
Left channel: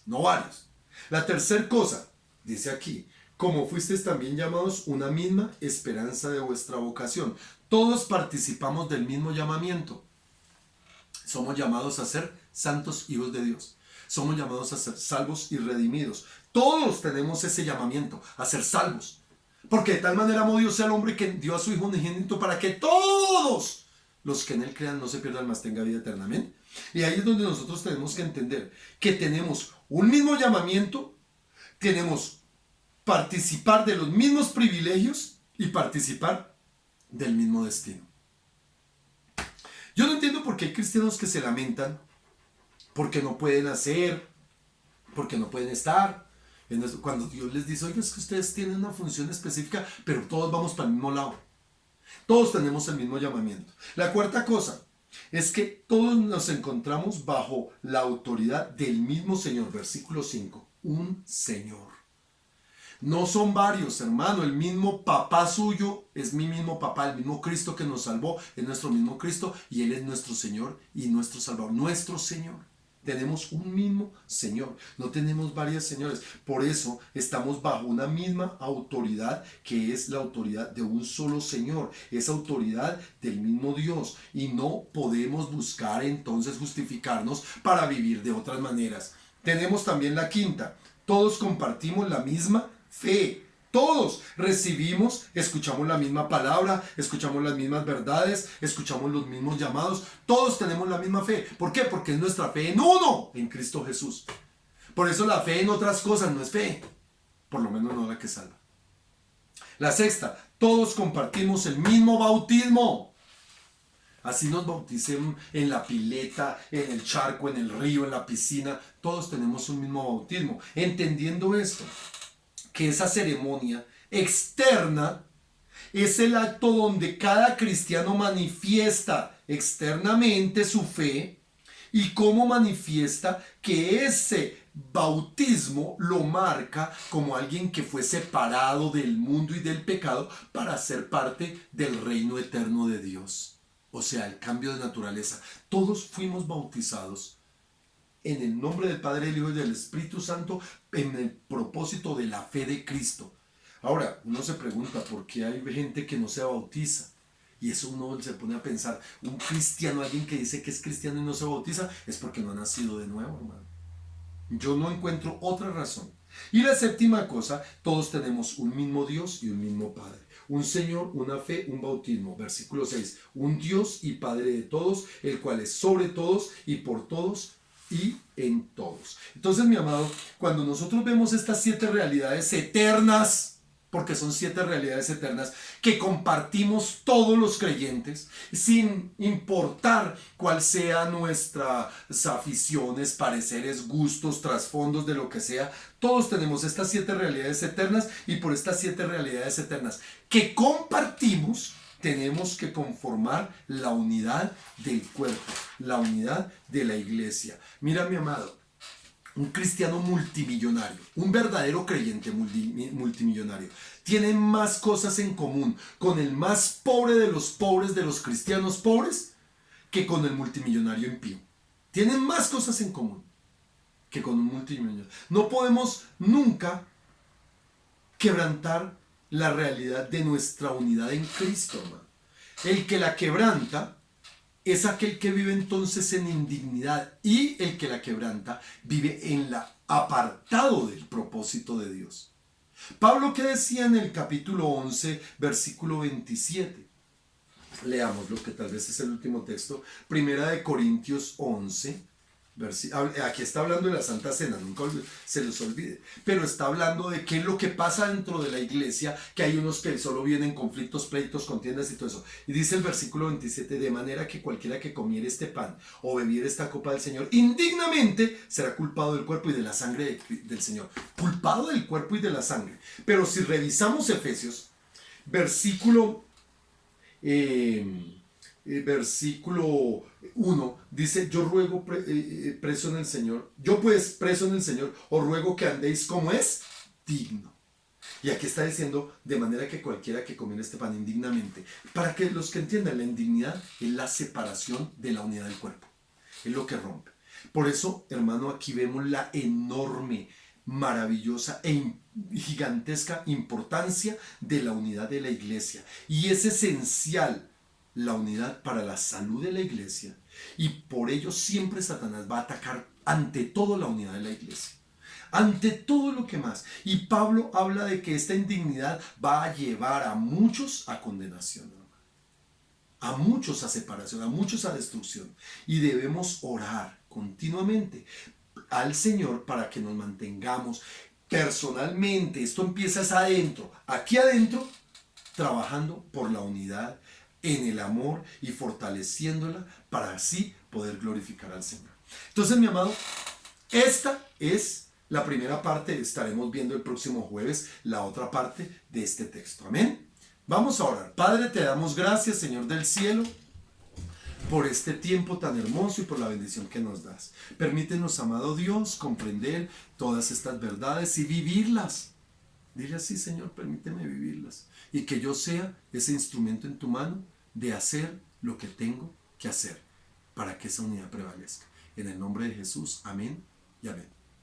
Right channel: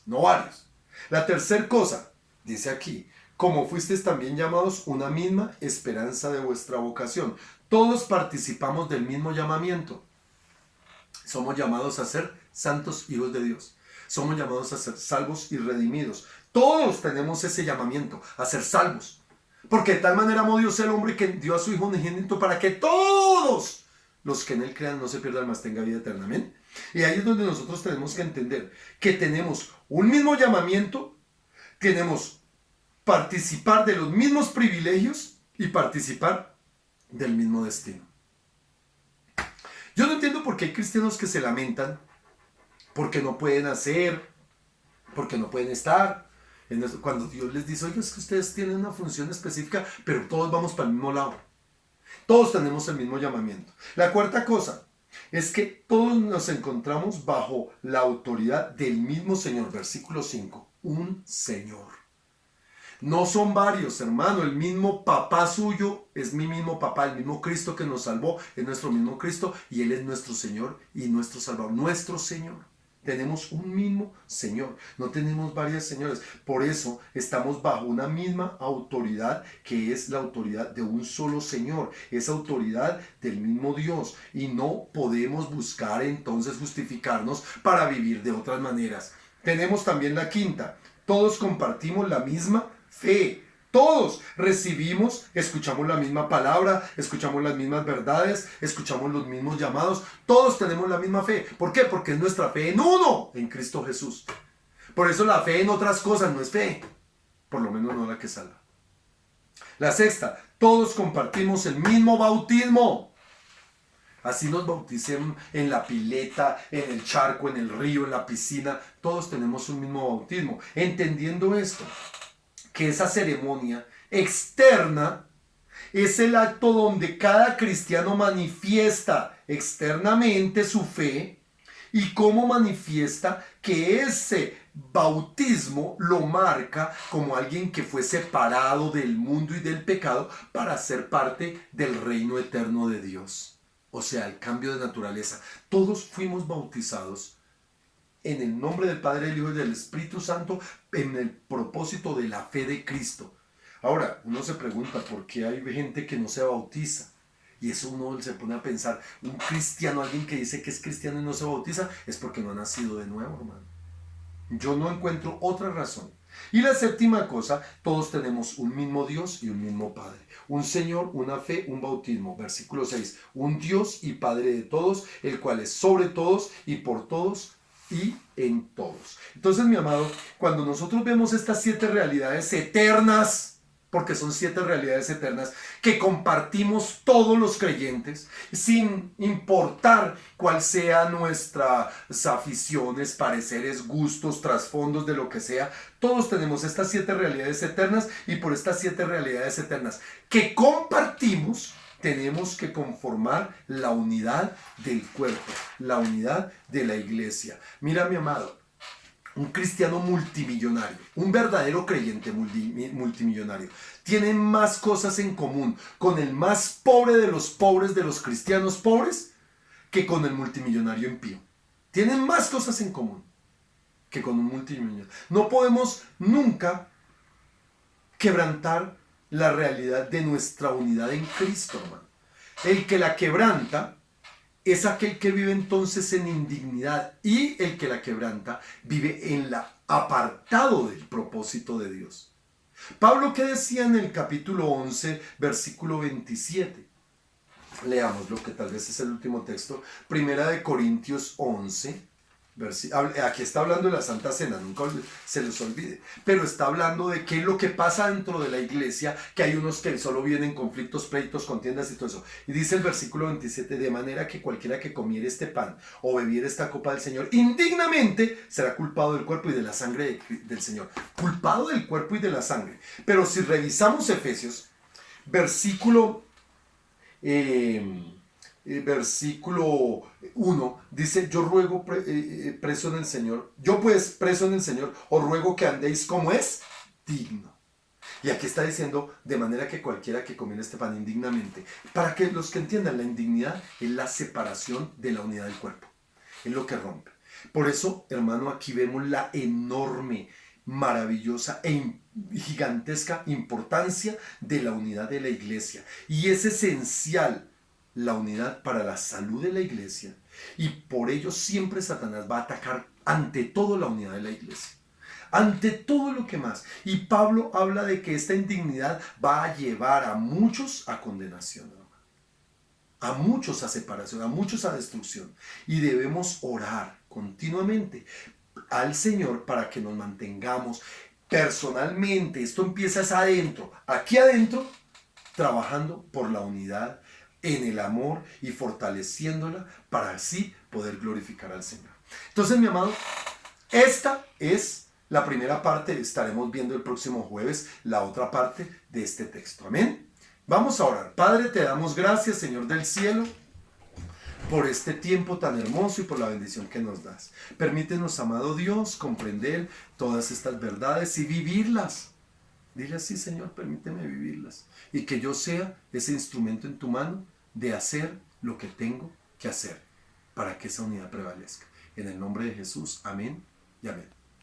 No varios. La tercera cosa, dice aquí, como fuisteis también llamados una misma esperanza de vuestra vocación. Todos participamos del mismo llamamiento. Somos llamados a ser santos hijos de Dios. Somos llamados a ser salvos y redimidos. Todos tenemos ese llamamiento, a ser salvos. Porque de tal manera amó Dios al hombre que dio a su Hijo unigénito para que todos los que en Él crean no se pierdan, mas tenga vida eterna. Amén. Y ahí es donde nosotros tenemos que entender que tenemos un mismo llamamiento, tenemos participar de los mismos privilegios y participar del mismo destino. Yo no entiendo por qué hay cristianos que se lamentan porque no pueden hacer, porque no pueden estar. Cuando Dios les dice, oye, es que ustedes tienen una función específica, pero todos vamos para el mismo lado. Todos tenemos el mismo llamamiento. La cuarta cosa es que todos nos encontramos bajo la autoridad del mismo Señor. Versículo 5. Un Señor. No son varios, hermano. El mismo papá suyo es mi mismo papá. El mismo Cristo que nos salvó es nuestro mismo Cristo. Y Él es nuestro Señor y nuestro Salvador. Nuestro Señor. Tenemos un mismo Señor, no tenemos varios señores. Por eso estamos bajo una misma autoridad, que es la autoridad de un solo Señor, esa autoridad del mismo Dios. Y no podemos buscar entonces justificarnos para vivir de otras maneras. Tenemos también la quinta, todos compartimos la misma fe. Todos recibimos, escuchamos la misma palabra, escuchamos las mismas verdades, escuchamos los mismos llamados. Todos tenemos la misma fe. ¿Por qué? Porque es nuestra fe en uno, en Cristo Jesús. Por eso la fe en otras cosas no es fe. Por lo menos no la que salva. La sexta, todos compartimos el mismo bautismo. Así nos bauticen en la pileta, en el charco, en el río, en la piscina. Todos tenemos un mismo bautismo. Entendiendo esto, que esa ceremonia externa es el acto donde cada cristiano manifiesta externamente su fe y cómo manifiesta que ese bautismo lo marca como alguien que fue separado del mundo y del pecado para ser parte del reino eterno de Dios. O sea, el cambio de naturaleza. Todos fuimos bautizados en el nombre del Padre, del Hijo y del Espíritu Santo, en el propósito de la fe de Cristo. Ahora, uno se pregunta por qué hay gente que no se bautiza. Y eso uno se pone a pensar, un cristiano, alguien que dice que es cristiano y no se bautiza, es porque no ha nacido de nuevo, hermano. Yo no encuentro otra razón. Y la séptima cosa, todos tenemos un mismo Dios y un mismo Padre. Un Señor, una fe, un bautismo. Versículo 6. Un Dios y Padre de todos, el cual es sobre todos y por todos y en todos. Entonces, mi amado, cuando nosotros vemos estas 7 realidades eternas, porque son 7 realidades eternas que compartimos todos los creyentes, sin importar cuál sean nuestras aficiones, pareceres, gustos, trasfondos, de lo que sea, todos tenemos estas 7 realidades eternas, y por estas 7 realidades eternas que compartimos, tenemos que conformar la unidad del cuerpo, la unidad de la iglesia. Mira, mi amado, un cristiano multimillonario, un verdadero creyente multimillonario, tiene más cosas en común con el más pobre de los cristianos pobres, que con el multimillonario impío. Tienen más cosas en común que con un multimillonario. No podemos nunca quebrantar la realidad de nuestra unidad en Cristo, hermano. El que la quebranta es aquel que vive entonces en indignidad, y el que la quebranta vive en la apartado del propósito de Dios. Pablo, ¿qué decía en el capítulo 11, versículo 27? Leamos lo que tal vez es el último texto. Primera de Corintios 11. Aquí está hablando de la Santa Cena, nunca se les olvide, pero está hablando de qué es lo que pasa dentro de la iglesia, que hay unos que solo vienen conflictos, pleitos, contiendas y todo eso. Y dice el versículo 27, de manera que cualquiera que comiere este pan o bebiere esta copa del Señor indignamente será culpado del cuerpo y de la sangre del Señor. Culpado del cuerpo y de la sangre. Pero si revisamos Efesios, versículo 1, dice, yo ruego preso en el Señor, yo pues preso en el Señor, os ruego que andéis como es digno. Y aquí está diciendo, de manera que cualquiera que comiera este pan indignamente, para que los que entiendan, la indignidad es la separación de la unidad del cuerpo, es lo que rompe. Por eso, hermano, aquí vemos la enorme, maravillosa e gigantesca importancia de la unidad de la iglesia, y es esencial la unidad para la salud de la iglesia, y por ello siempre Satanás va a atacar ante todo la unidad de la iglesia, ante todo lo que más. Y Pablo habla de que esta indignidad va a llevar a muchos a condenación, a muchos a separación, a muchos a destrucción, y debemos orar continuamente al Señor para que nos mantengamos personalmente. Esto empieza adentro, aquí adentro, trabajando por la unidad en el amor y fortaleciéndola para así poder glorificar al Señor. Entonces, mi amado, esta es la primera parte. Estaremos viendo el próximo jueves la otra parte de este texto. Amén. Vamos a orar. Padre, te damos gracias, Señor del cielo, por este tiempo tan hermoso y por la bendición que nos das. Permítenos, amado Dios, comprender todas estas verdades y vivirlas. Dile así, Señor, permíteme vivirlas, y que yo sea ese instrumento en tu mano de hacer lo que tengo que hacer para que esa unidad prevalezca. En el nombre de Jesús, amén y amén.